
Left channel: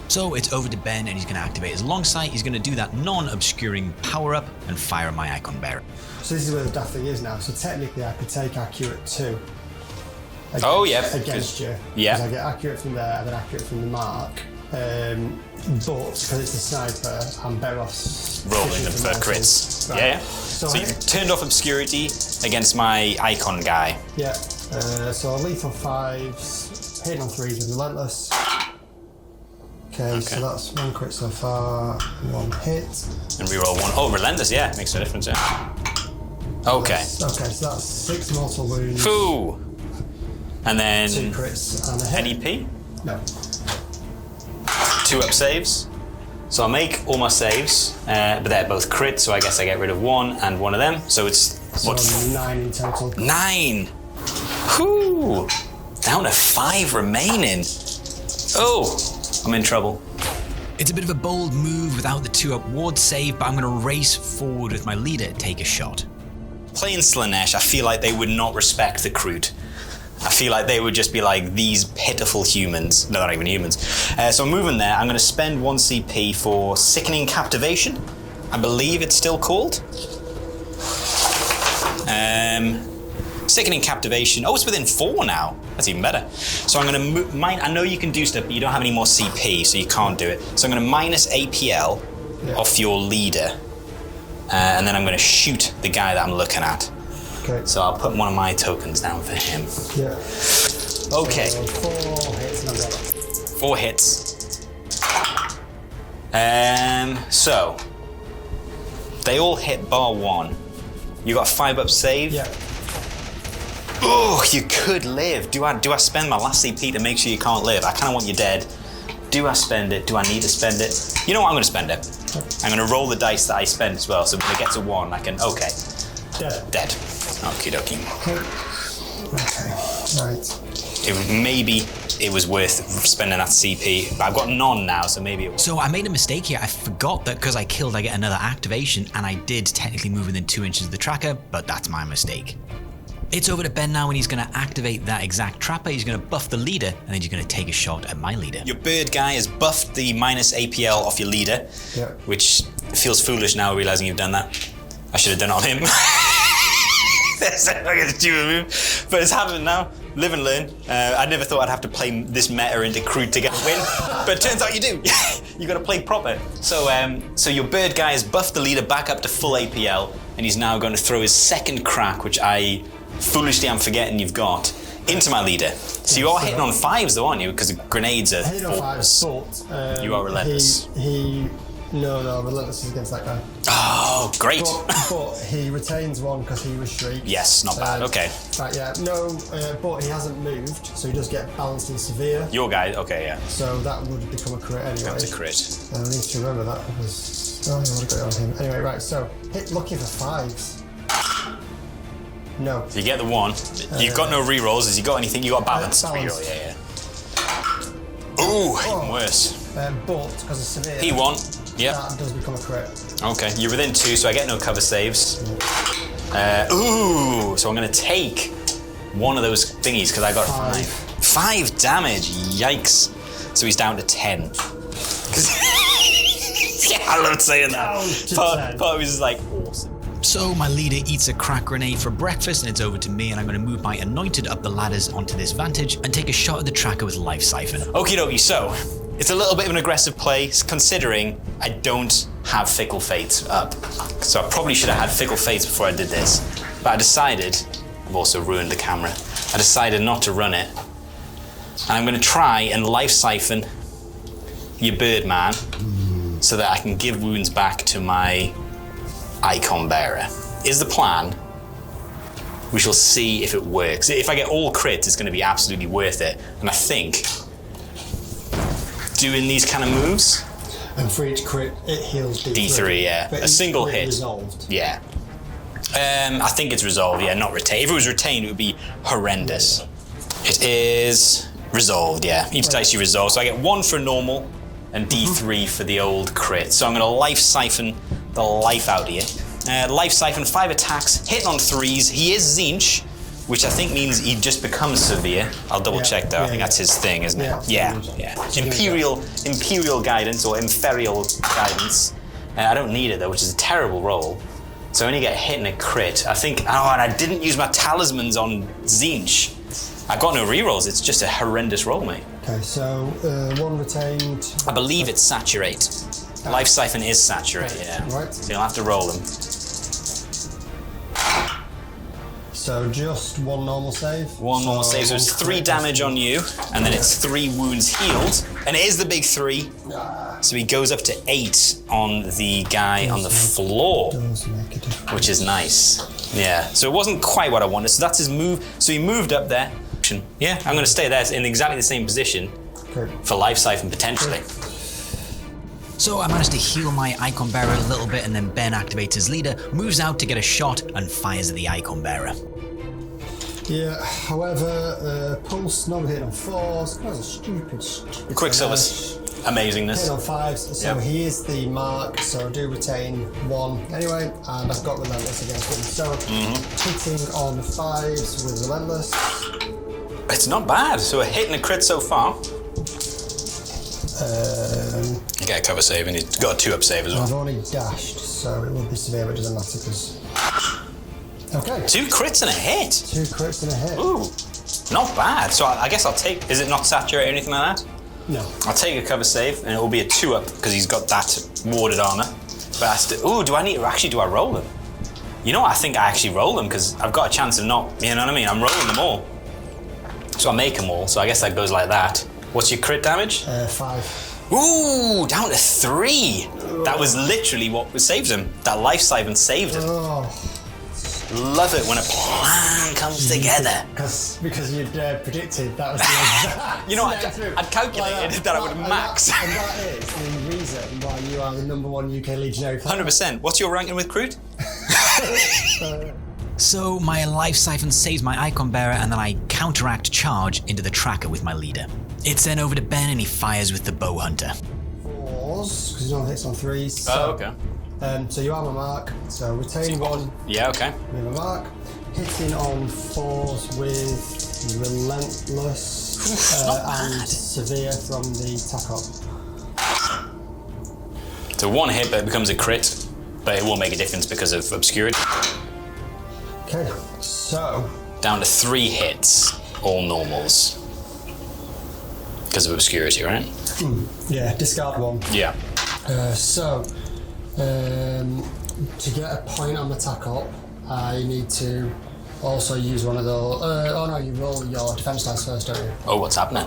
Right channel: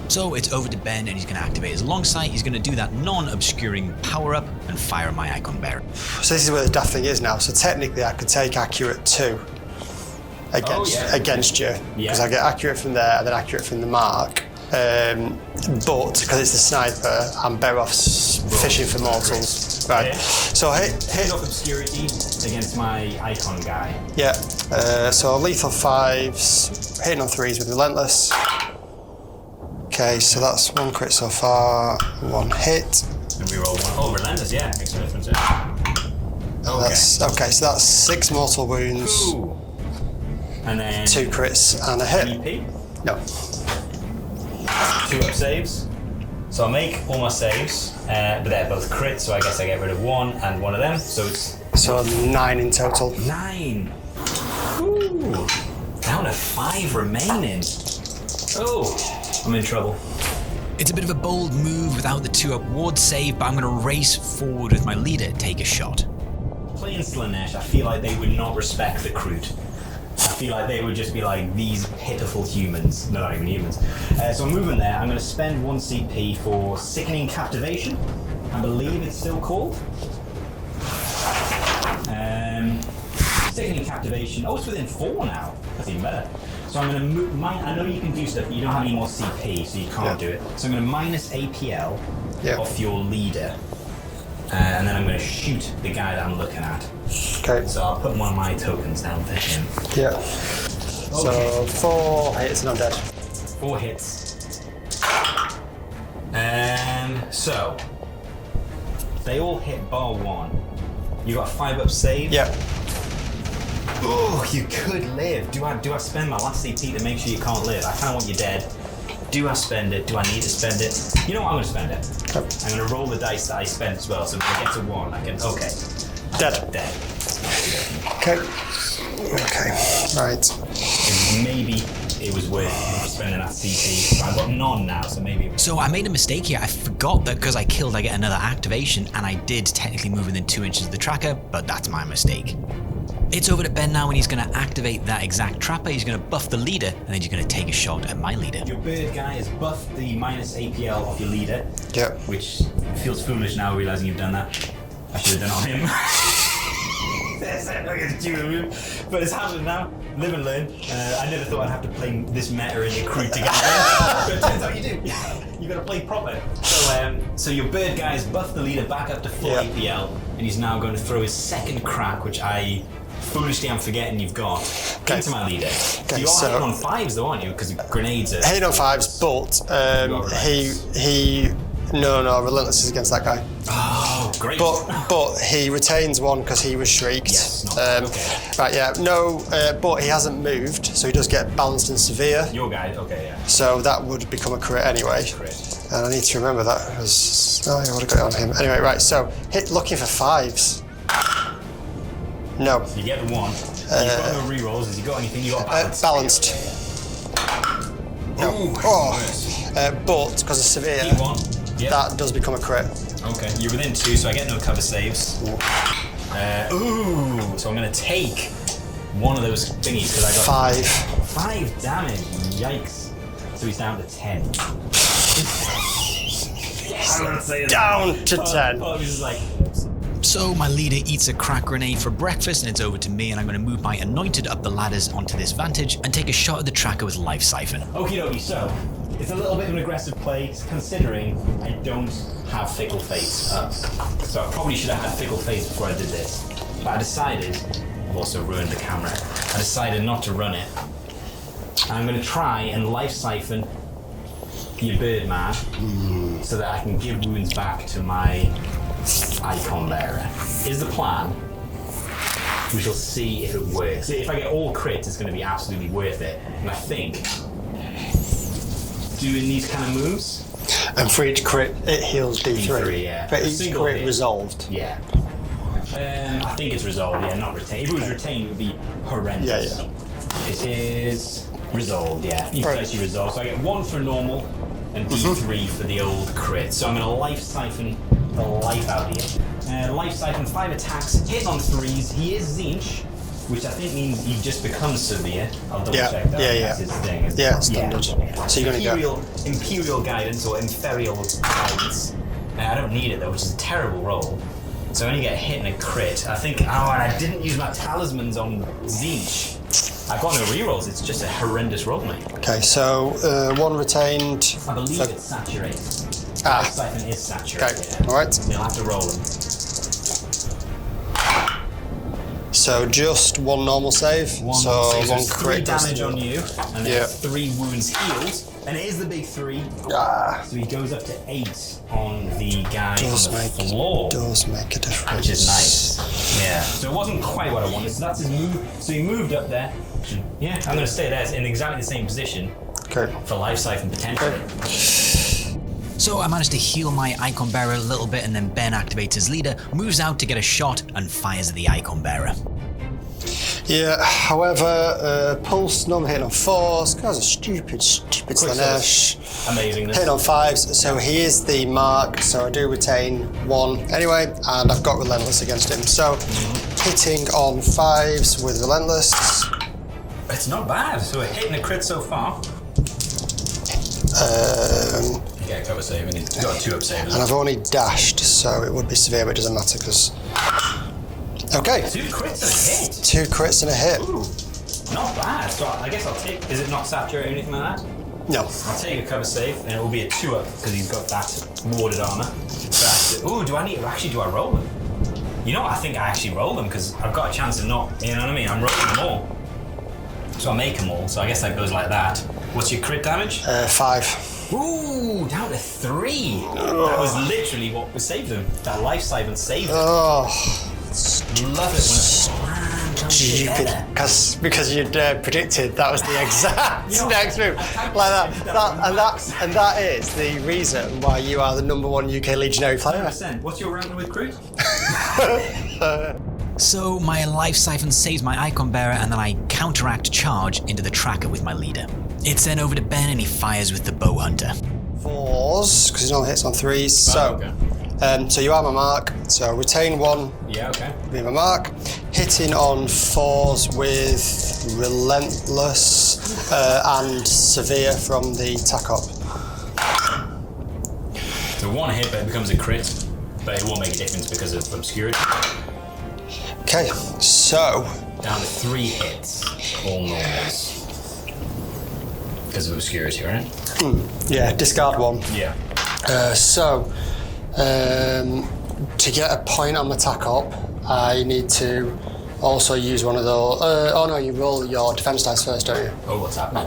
So it's over to Ben, and he's going to activate his long sight. He's going to do that non-obscuring power-up and fire my Icon Bearer. So this is where the daft thing is now. So technically I could take accurate 2 against you. Yeah. Because I get accurate from there and then accurate from the mark. But because it's the sniper, I'm better off fishing for mortals. Right. Yeah. So you turned off obscurity against my Icon guy. Yeah. So lethal 5s, hitting on 3s with Relentless. Okay, so that's 1 crit so far, 1 hit. And reroll 1. Oh, Relentless, yeah. Makes a difference, yeah. Okay. Okay, so that's 6 mortal wounds. Foo. And then 2 crits and a hit. NEP. No. 2 up saves. So I'll make all my saves, but they're both crits, so I guess I get rid of 1 and 1 of them. So it's... So 9 in total. 9! Whew! Down to 5 remaining. Oh! I'm in trouble. It's a bit of a bold move without the 2-up ward save, but I'm going to race forward with my leader, take a shot. Playing Slanesh, I feel like they would not respect the Kroot. I feel like they would just be like, these pitiful humans. No, they're not even humans. So I'm moving there. I'm going to spend 1 CP for Sickening Captivation. I believe it's still called. Sickening Captivation. Oh, it's within 4 now. That's even better. So I'm going to move. I know you can do stuff, but you don't have any more CP, so you can't do it. So I'm going to minus APL off your leader. And then I'm going to shoot the guy that I'm looking at. Okay. So I'll put one of my tokens down for him. Yeah. Okay. So 4 hits and I'm dead. 4 hits. So they all hit bar 1. You got a 5-up save. Yeah. Oh, you could live. Do I spend my last CP to make sure you can't live? I kind of want you dead. Do I spend it? Do I need to spend it? You know what? I'm going to spend it. Yep. I'm going to roll the dice that I spent as well. So when it gets a 1, I can. Okay. Dead. Dead. Okie dokie. Okay. Okay. Right. Maybe it was worth spending that CP. But I've got none now, so maybe it was. So I made a mistake here. I forgot that because I killed, I get another activation, and I did technically move within 2 inches of the tracker, but that's my mistake. It's over to Ben now, and he's going to activate that exact trapper. He's going to buff the leader, and then he's going to take a shot at my leader. Your bird guy has buffed the minus APL off your leader. Yep. Which feels foolish now, realizing you've done that. I should have done it on him. That's like a stupid move. But it's happening now. Live and learn. I never thought I'd have to play this meta into Crude to get a win. But it turns out you do. You gotta play proper. So your bird guy has buffed the leader back up to full APL, and he's now going to throw his second crack, which I foolishly am forgetting you've got, into my leader. So you are hitting on 5s though, aren't you? Because the grenades are... Hitting on 5s, but you are relentless. No, relentless is against that guy. Oh, great. But he retains 1 because he was shrieked. Yes, not bad, okay. Right, yeah, no, but he hasn't moved, so he does get balanced and severe. Your guy, okay, yeah. So that would become a crit anyway. That's a crit. And I need to remember that. I would have got it on him. Anyway, right, so looking for 5s. No. You get the 1. You've got no rerolls. Has he got anything? You got balanced. Balanced. Ooh, worse. But because of severe, He won. Yeah. that does become a crit. Okay, you're within 2, so I get no cover saves. So I'm going to take one of those thingies because I got 5 damage. Yikes! So he's down to 10. I love saying Down that. to 10. Part of me is like, awesome. So my leader eats a crack grenade for breakfast and it's over to me, and I'm going to move my anointed up the ladders onto this vantage and take a shot at the tracker with Life Siphon. Okie dokie, so it's a little bit of an aggressive play considering I don't have Fickle Fate up. So I probably should have had Fickle Fate before I did this. But I decided, I've also ruined the camera, I decided not to run it. And I'm going to try and Life Siphon your Birdman so that I can give wounds back to my Icon Bearer. Is the plan. We shall see if it works. If I get all crits, it's going to be absolutely worth it. And I think doing these kind of moves. And for each crit, it heals D3. D3, yeah. But A single crit hit. resolved. Yeah. I think it's resolved, yeah, not retained. If it was retained, it would be horrendous. Yeah. It is resolved, yeah. Each dice you resolve. So I get 1 for normal and D3 for the old crit. So I'm going to Life Siphon the life out of you. Life Siphon, 5 attacks, hitting on 3s. He is Zinch, which I think means he just becomes severe. I'll double check that. Yeah, That's his thing, isn't it? Yeah. So Imperial guidance or Inferial guidance. I don't need it though, which is a terrible roll. So I only get hit and a crit. I think, and I didn't use my talismans on Zinch. I've got no rerolls, it's just a horrendous roll, mate. Okay, so 1 retained. I believe it's saturate. Life Siphon is saturated, Okay. yeah. All right. So you'll have to roll them. So just 1 normal save. One normal save, so one it's 3 crit damage on you, and then it's 3 wounds healed. And it is the big 3. So he goes up to 8 on the guy on the floor. Does make a difference. Which is nice. Yeah. So it wasn't quite what I wanted. So that's his move. So he moved up there. Yeah, I'm going to stay there in exactly the same position for Life Siphon potentially. So I managed to heal my Icon Bearer a little bit, and then Ben activates his leader, moves out to get a shot, and fires at the Icon Bearer. Yeah, however, Pulse, normal hitting on 4s, guys are stupid Quicksilver's amazingness. Hitting on 5s, so he is the mark, so I do retain 1 anyway, and I've got Relentless against him. So hitting on 5s with Relentless. It's not bad. So a hit and a crit so far. You get a cover save, and he's got a 2-up save as well. And I've only dashed, so it would be severe, but it doesn't matter because. Okay. 2 crits and a hit. 2 crits and a hit. Ooh, not bad. So I guess I'll take. Is it not saturated or anything like that? No. I'll take a cover save, and it will be a 2-up because he's got that warded armor. But do I need? Actually, do I roll them? You know what? I think I actually roll them because I've got a chance of not. You know what I mean? I'm rolling them all. So I make them all. So I guess that goes like that. What's your crit damage? 5. Ooh, down to 3. That was literally what saved him. That Life Siphon saved him. Love it when a plan comes together. Because you'd predicted that was the exact next move. I'd calculated and that is the reason why you are the #1 UK Legionary player. 100%. What's your ranking with Crude? So my Life Siphon saves my Icon Bearer, and then I counteract charge into the tracker with my leader. It's then over to Ben, and he fires with the Bow Hunter. 4s, because he only hits on 3s. So you are my mark, so retain 1. Yeah, okay. Be my mark. Hitting on 4s with Relentless and Severe from the tack up. So 1 hit, but it becomes a crit. but it will make a difference because of obscurity. Okay, so Down to 3 hits, all normals. Because of obscurity, right? yeah, discard 1. Yeah. To get a point on my attack up, I need to also use one of those. Oh no, you roll your defense dice first, don't you? Oh, what's happening?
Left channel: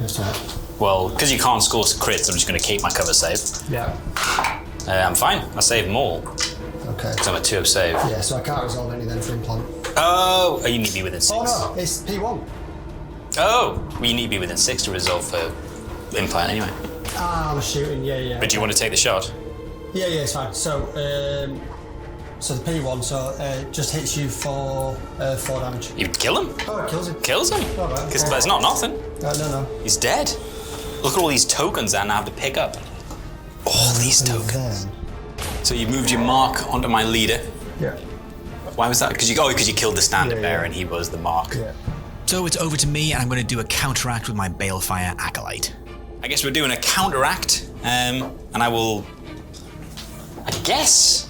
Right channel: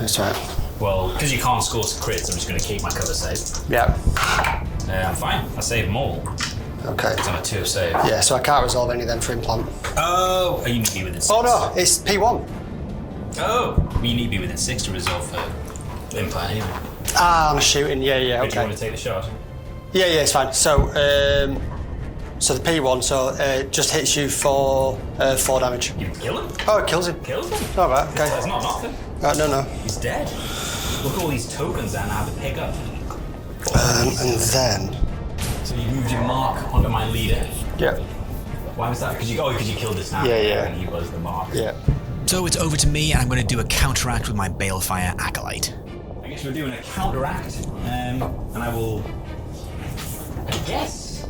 That's right. Well, because you can't score crits, I'm just going to keep my cover save. Yeah. I'm fine. I saved them all. Okay. It's on a 2 of save. Yeah, so I can't resolve any then for implant. Oh, you need to be within 6. Oh no, it's P1. Oh, you need to be within 6 to resolve for implant anyway. Ah, I'm shooting. Yeah. But do you want to take the shot? Yeah, it's fine. So, so the P1, just hits you for 4 damage. You kill him? Oh, it kills him. Kills him? All right. Because Okay. there's not nothing. No. He's dead. Look at all these tokens that I now have to pick up. All these And tokens. then. So you moved your mark onto my leader. Yeah. Why was that? Because you killed the standard Yeah. there and he was the mark. Yeah. So it's over to me, and I'm going to do a counteract with my Balefire Acolyte. I guess we're doing a counteract, and I will. I guess.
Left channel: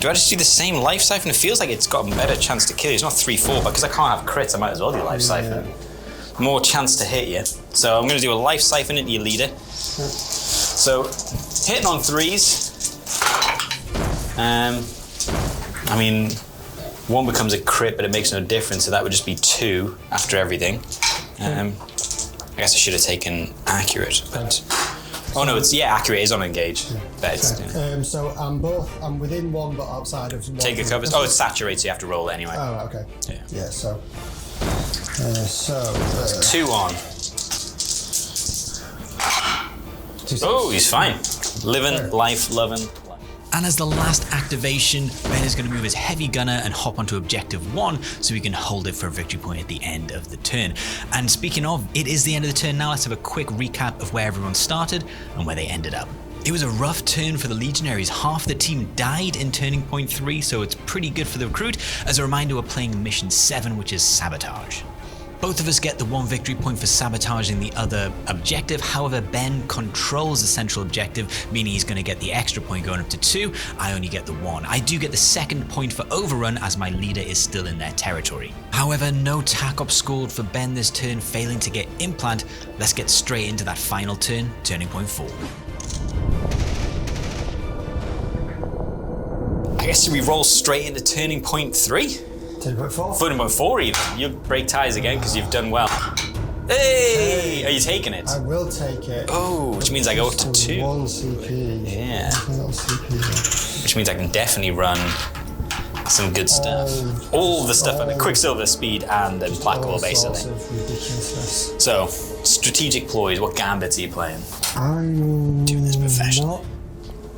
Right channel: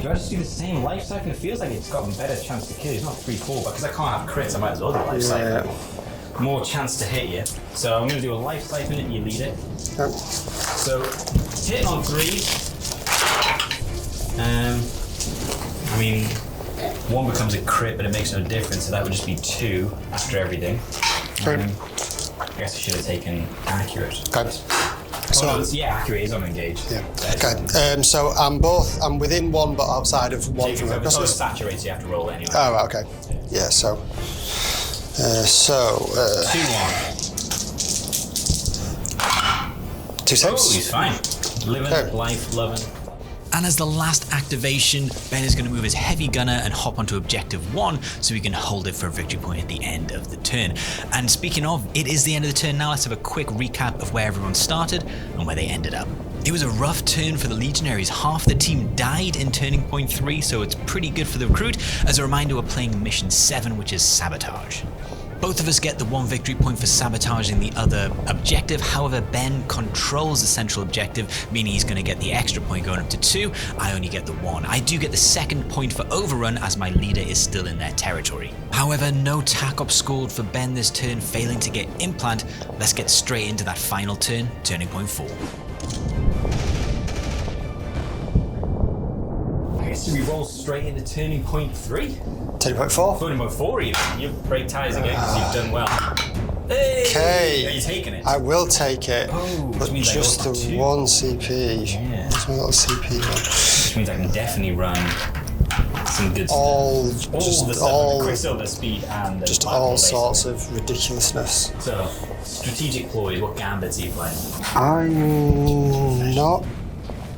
Do I just do the same life siphon? It feels like it's got a better chance to kill you. It's not 3-4, but because I can't have crits, I might as well do life siphon. More chance to hit you. So I'm going to do a life siphon into your leader. So hitting on 3s. I mean, 1 becomes a crit, but it makes no difference. So that would just be 2 after everything. I guess I should have taken accurate. Okay. Oh no, it's accurate is on engage. Yeah. That is- Okay. So I'm within 1, but outside of 1. Take a cover. Oh, it's saturated, so you have to roll it anyway. Oh, right, okay. Yeah. So. 2 on. 2 6. Oh, he's fine. Living, life, loving. And as the last activation, Ben is going to move his heavy gunner and hop onto objective 1 so we can hold it for a victory point at the end of the turn. And speaking of, it is the end of the turn now. Let's have a quick recap of where everyone started and where they ended up. It was a rough turn for the Legionaries. Half the team died in turning point 3, so it's pretty good for the recruit. As a reminder, we're playing mission 7, which is Sabotage. Both of us get the 1 victory point for sabotaging the other objective. However, Ben controls the central objective, meaning he's going to get the extra point going up to 2. I only get the 1. I do get the 2nd point for overrun as my leader is still in their territory. However, no tack up scored for Ben this turn, failing to get implant. Let's get straight into that final turn, turning point 4. I guess we roll straight into turning point 3? Turning point 4. Turning point 4 even. You break ties again because you've done well. Hey! Okay. Are you taking it? I will take it. Oh, which means I go up just to 2. 1 CP. Yeah. That's my little CP there. Which means I can definitely run some good stuff. All the stuff. Quicksilver, speed, and the black hole, All basically. sorts of ridiculousness. So, strategic ploys. What gambits are you playing? I'm not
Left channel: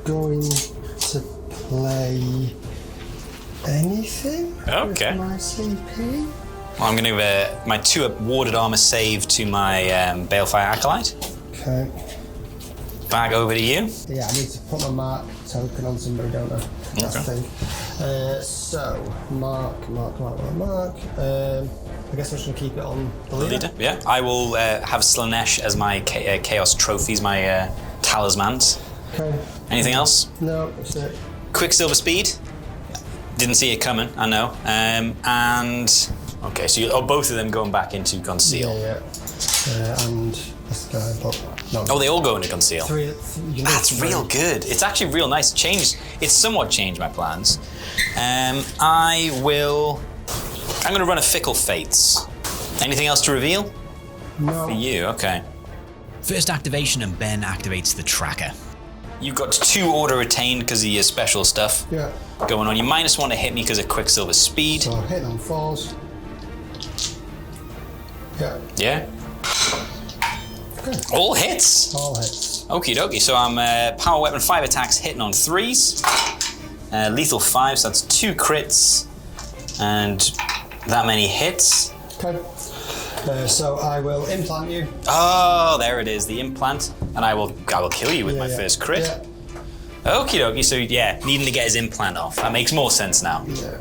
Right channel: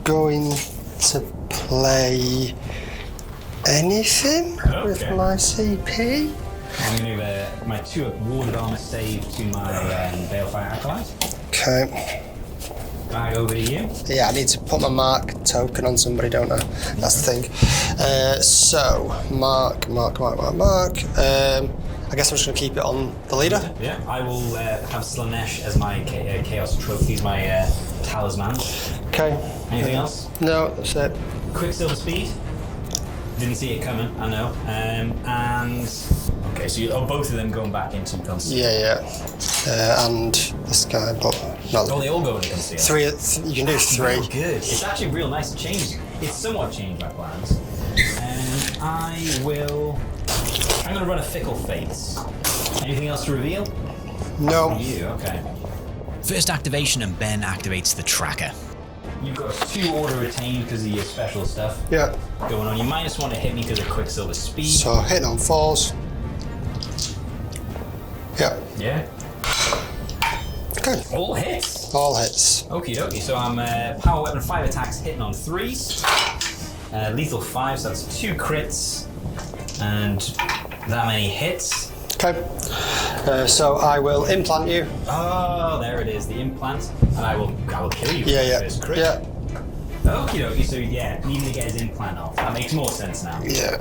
going to play anything with Okay. my CP. I'm going to give my 2 warded armor save to my Balefire Acolyte. Okay. Back over to you. Yeah, I need to put my mark token on somebody, don't I? That's the thing. So, mark. I guess I'm just going to keep it on the leader. Yeah. I will have Slanesh as my Chaos trophies, my talismans. Okay. Anything else? No, that's it. Quicksilver speed. Didn't see it coming, I know. And okay, so both of them going back into conceal. Yeah. And this guy, but no. Oh, they all go into conceal. 3. You can do That's 3. real good. It's actually real nice. It's somewhat changed my plans. I'm going to run a Fickle Fates. Anything else to reveal? No. For you, okay. First activation, and Ben activates the tracker. You've got 2 auto retained because of your special stuff Yeah. going on. You -1 to hit me because of Quicksilver speed. So hitting on 4s. Yeah. Yeah. Good. All hits. All hits. Okie dokie. So I'm power weapon 5 attacks hitting on 3s. Lethal 5, so that's 2 crits and that many hits. Okay. So I will implant you. Oh, there it is, the implant, and I will kill you with my first crit. Yeah. Okie dokie. So yeah, needing to get his implant off. That makes more sense now. Yeah.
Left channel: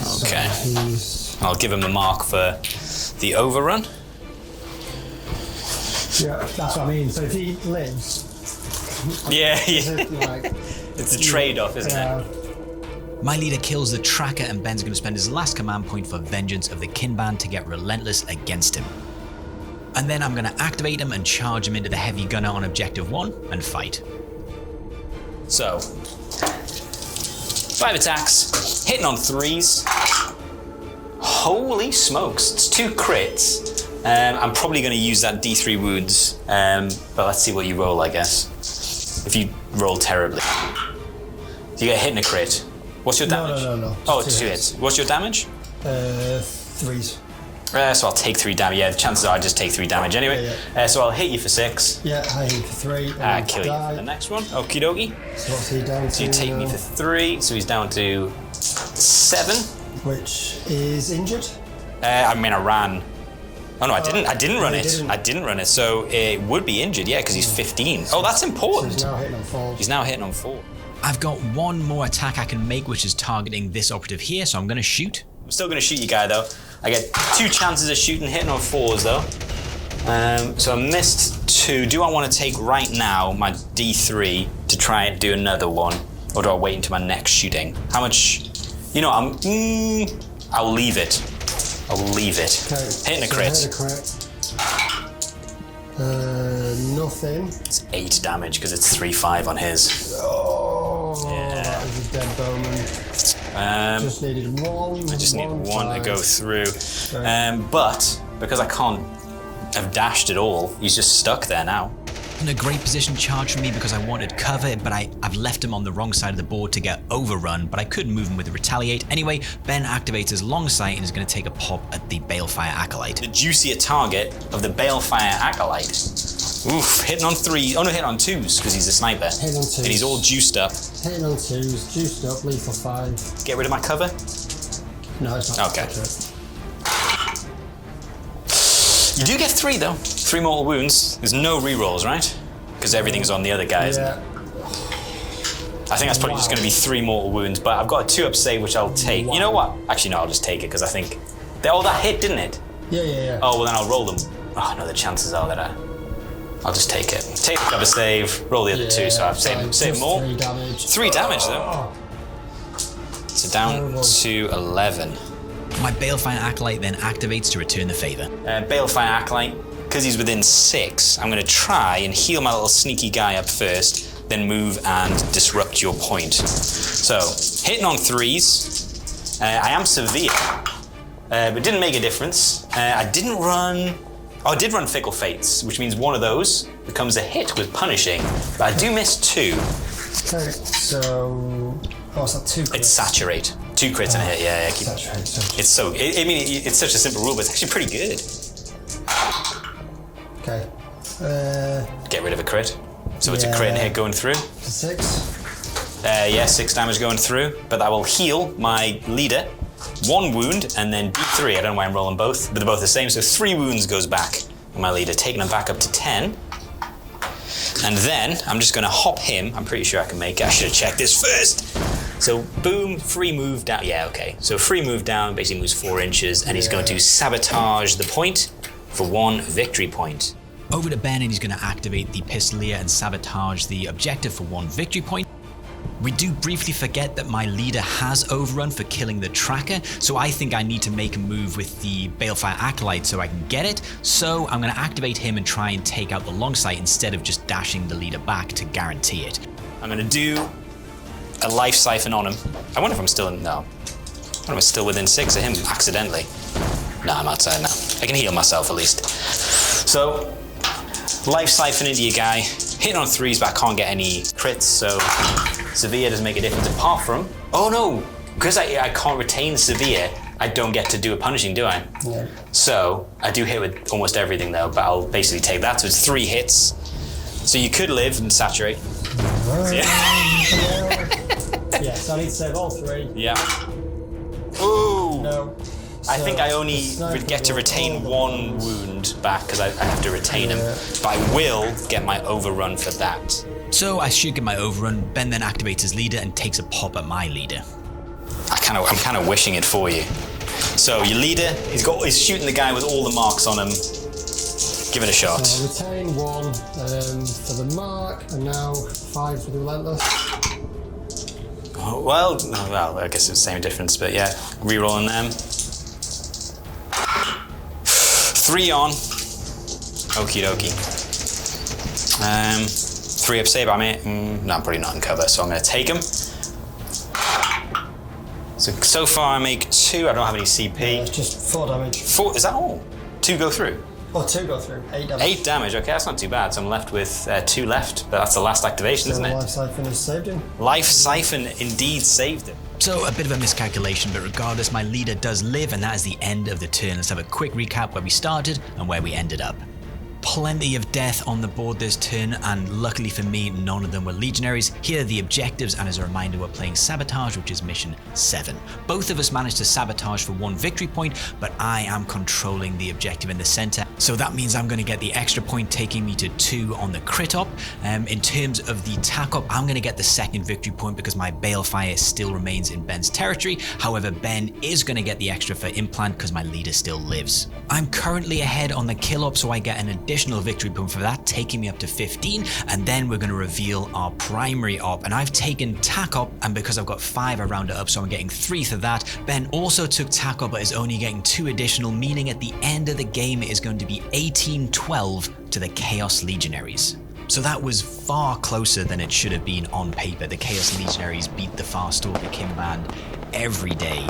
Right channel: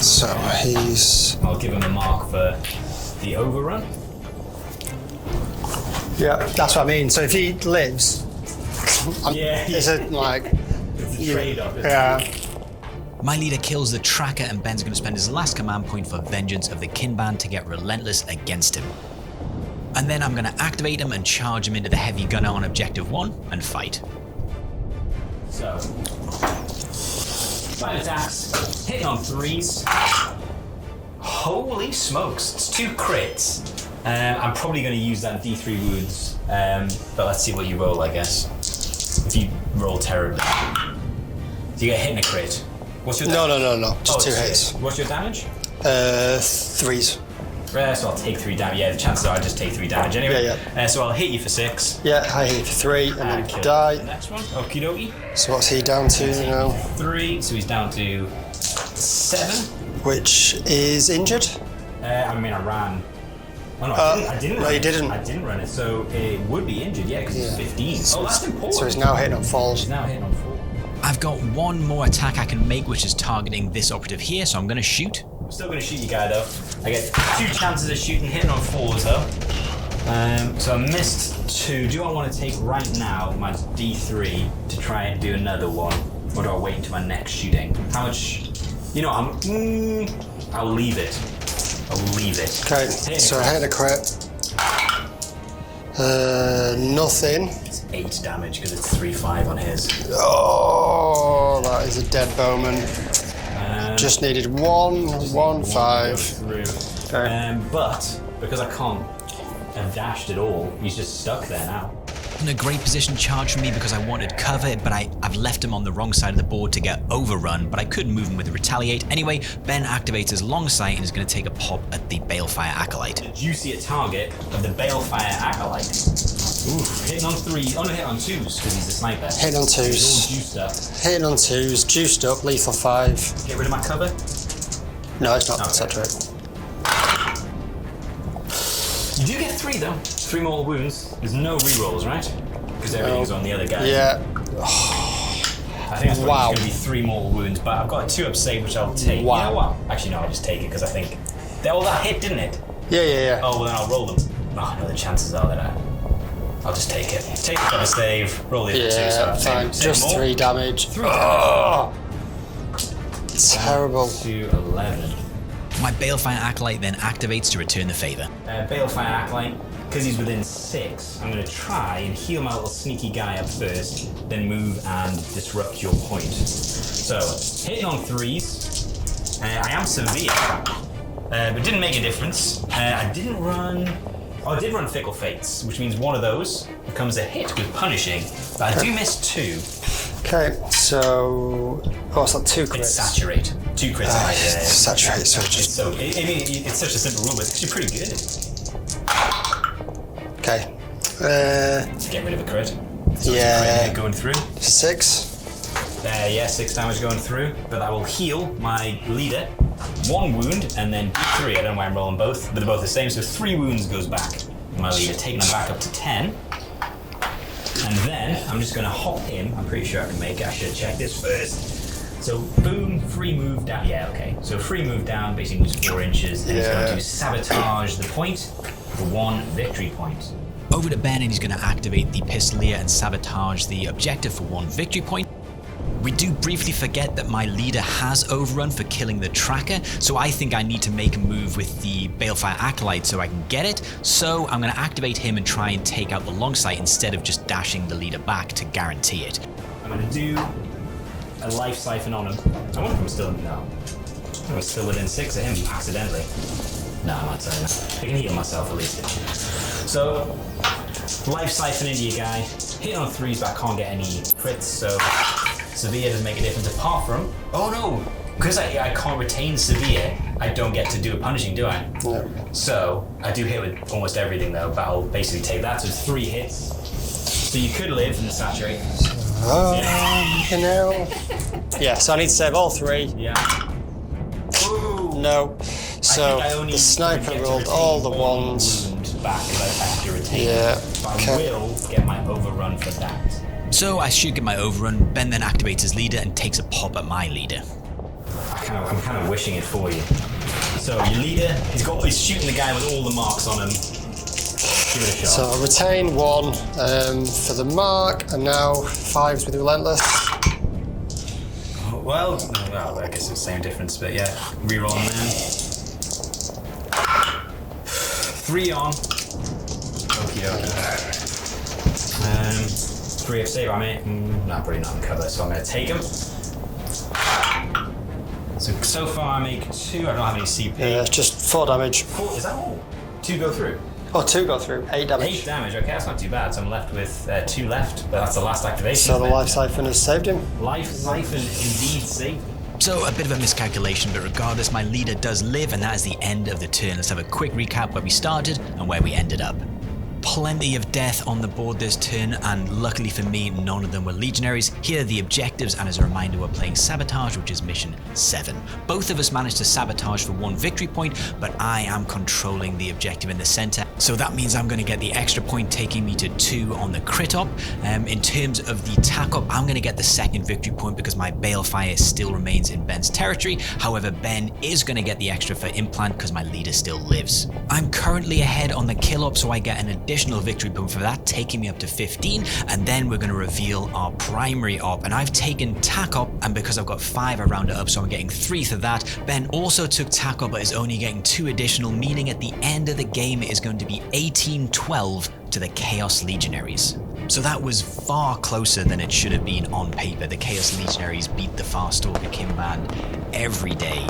So Okay. I'll give him the mark for the overrun. Yeah, that's what I mean. So if he lives, Yeah. is it like It's a trade-off, isn't it? My leader kills the tracker, and Ben's going to spend his last command point for Vengeance of the Kinband to get relentless against him. And then I'm going to activate him and charge him into the heavy gunner on objective 1 and fight. So, 5 attacks, hitting on 3s. Holy smokes, it's 2 crits. I'm probably going to use that D3 wounds, but let's see what you roll, I guess. If you roll terribly. Do you get hit in a crit? What's your damage? No. Just 2 hits. What's your damage? 3s. So I'll take 3 damage. Yeah, the chances are I just take 3 damage anyway. Yeah. So I'll hit you for 6. Yeah, I hit you for 3 and then Kill die. you for the next one. Okie dokie. So what's he down to You take now? me for 3, so he's down to 7. Which is injured. I mean, I ran. Oh no, I didn't run you it. didn't. I didn't run it, so it would be injured, yeah, because he's 15. Oh, that's important. So he's now hitting on 4. He's now hitting on 4. I've got one more attack I can make, which is targeting this operative here, so I'm going to shoot. I'm still going to shoot you guy though. I get 2 chances of shooting, hitting on 4s though. So I missed 2. Do I want to take right now my D3 to try and do another one, or do I wait until my next shooting? How much? You know, I'll leave it. I'll leave it. Okay. Hitting a so crit. I hit a crit. Nothing. It's 8 damage because it's 3/5 on his. Oh, that is a dead bowman. Just needed one. I just one, need 1 5. to go through. Okay. But because I can't have dashed at all, he's just stuck there now. In a great position charge for me because I wanted cover, but I've left him on the wrong side of the board to get overrun, but I could move him with a retaliate. Anyway, Ben activates his long sight and is going to take a pop at the Balefire Acolyte. The juicier target of the Balefire Acolyte. Oof, hitting on 3. Oh no, hitting on 2s because he's a sniper. Hitting on 2s. And he's all juiced up. Hitting on 2s, juiced up, lethal 5. Get rid of my cover. No, it's not. Okay. Saturate. You do get 3 though. 3 mortal wounds. There's no rerolls, right? Because everything's on the other guys. Yeah. I think that's probably just going to be 3 mortal wounds, but I've got a 2-up save which I'll take. Wow. You know what? Actually, no, I'll just take it because I think that hit, didn't it? Yeah. Oh, well then I'll roll them. Oh no, the chances are that I'll just take it. Take the cover save, roll the other 2, so I've fine. saved Just more. 3 damage. 3 damage though. Down Terrible. to 11. My Balefire Acolyte then activates to return the favor. Balefire Acolyte, because he's within 6, I'm going to try and heal my little sneaky guy up first, then move and disrupt your point. So, hitting on 3s. I am severe, but it didn't make a difference. I didn't run... Oh, I did run Fickle Fates, which means one of those becomes a hit with Punishing, but I do miss 2. Okay, so... Oh, it's like 2 crits. It's Saturate. 2 crits on it, yeah. Saturate, so It's so... I mean, it's such a simple rule, but it's actually pretty good. Okay. Get rid of a crit. So it's a Yeah. crit hit going through. 6. Yeah, 6 damage going through, but that will heal my leader 1 wound and then D3. I don't know why I'm rolling both, but they're both the same, so 3 wounds goes back. My leader, taking him back up to 10. And then I'm just going to hop him. I'm pretty sure I can make it. I should have checked this first. So boom, free move down. Yeah, okay. So free move down basically moves 4 inches, and he's going to sabotage the point for 1 victory point. Over to Ben, and he's going to activate the Pistolier and sabotage the objective for 1 victory point. We do briefly forget that my leader has overrun for killing the tracker, so I think I need to make a move with the Balefire Acolyte so I can get it. So I'm going to activate him and try and take out the long sight instead of just dashing the leader back to guarantee it. I'm going to do a life siphon on him. I wonder if I'm still in... No. I wonder if I'm still within 6 of him accidentally. No, I'm outside now. I can heal myself at least. So, life siphon into your guy. Hitting on 3s, but I can't get any crits, so severe doesn't make a difference apart from... Oh no! Because I can't retain severe, I don't get to do a punishing, do I? No. So, I do hit with almost everything though, but I'll basically take that. So it's 3 hits. So you could live and saturate. Yeah, so I need to save all 3. Yeah. Ooh! No. So I think I only the sniper would get to rolled retain all the 1 ones. wound back because I have to retain Yeah. him. But I will get my overrun for that. So I should get my overrun. Ben then activates his leader and takes a pop at my leader. I'm kind of wishing it for you. So your leader, he's shooting the guy with all the marks on him. Give it a shot. So retain 1 for the mark, and now 5s with Relentless. well, I guess it's the same difference, but yeah, re-rolling them. 3 on. Okie dokie. 3 up save, no, I'm probably not in cover, so I'm going to take them. So far I make 2, I don't have any CP. Yeah, just 4 damage. 4, is that all? 2 go through? Oh, 2 go through, 8 damage. 8 damage, okay, that's not too bad. So I'm left with 2 left, but that's the last activation, So isn't the it? Life Siphon has saved him. Life Siphon indeed saved him. So a bit of a miscalculation, but regardless, my leader does live, and that is the end of the turn. Let's have a quick recap where we started and where we ended up. Plenty of death on the board this turn, and luckily for me, none of them were Legionaries. Here are the objectives, and as a reminder, we're playing Sabotage, which is mission 7. Both of us managed to sabotage for 1 victory point, but I am controlling the objective in the center, so that means I'm going to get the extra point, taking me to 2 on the crit op. In terms of the tack op, I'm going to get the 2nd victory point because my Balefire still remains in Ben's territory. However, Ben is going to get the extra for implant because my leader still lives. I'm currently ahead on the kill op, so I get an additional victory point for that, taking me up to 15, and then we're going to reveal our primary op, and I've taken tack op, and because I've got 5 I round it up, so I'm getting 3 for that. Ben also took tack op but is only getting 2 additional, meaning at the end of the game it is going to be 18-12 to the Chaos Legionaries. So that was far closer than it should have been on paper. The Chaos Legionaries beat the Farstalker Kinband every day.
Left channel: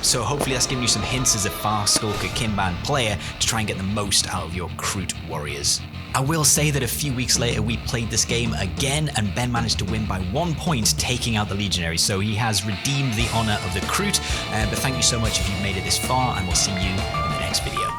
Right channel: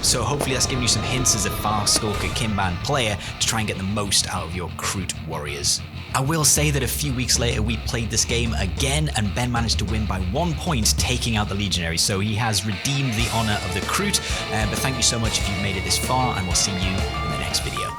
So hopefully that's giving you some hints as a Farstalker Kinband player to try and get the most out of your Kroot warriors. I will say that a few weeks later we played this game again, and Ben managed to win by 1 point, taking out the Legionaries. So he has redeemed the honor of the Kroot. But thank you so much if you've made it this far, and we'll see you in the next video.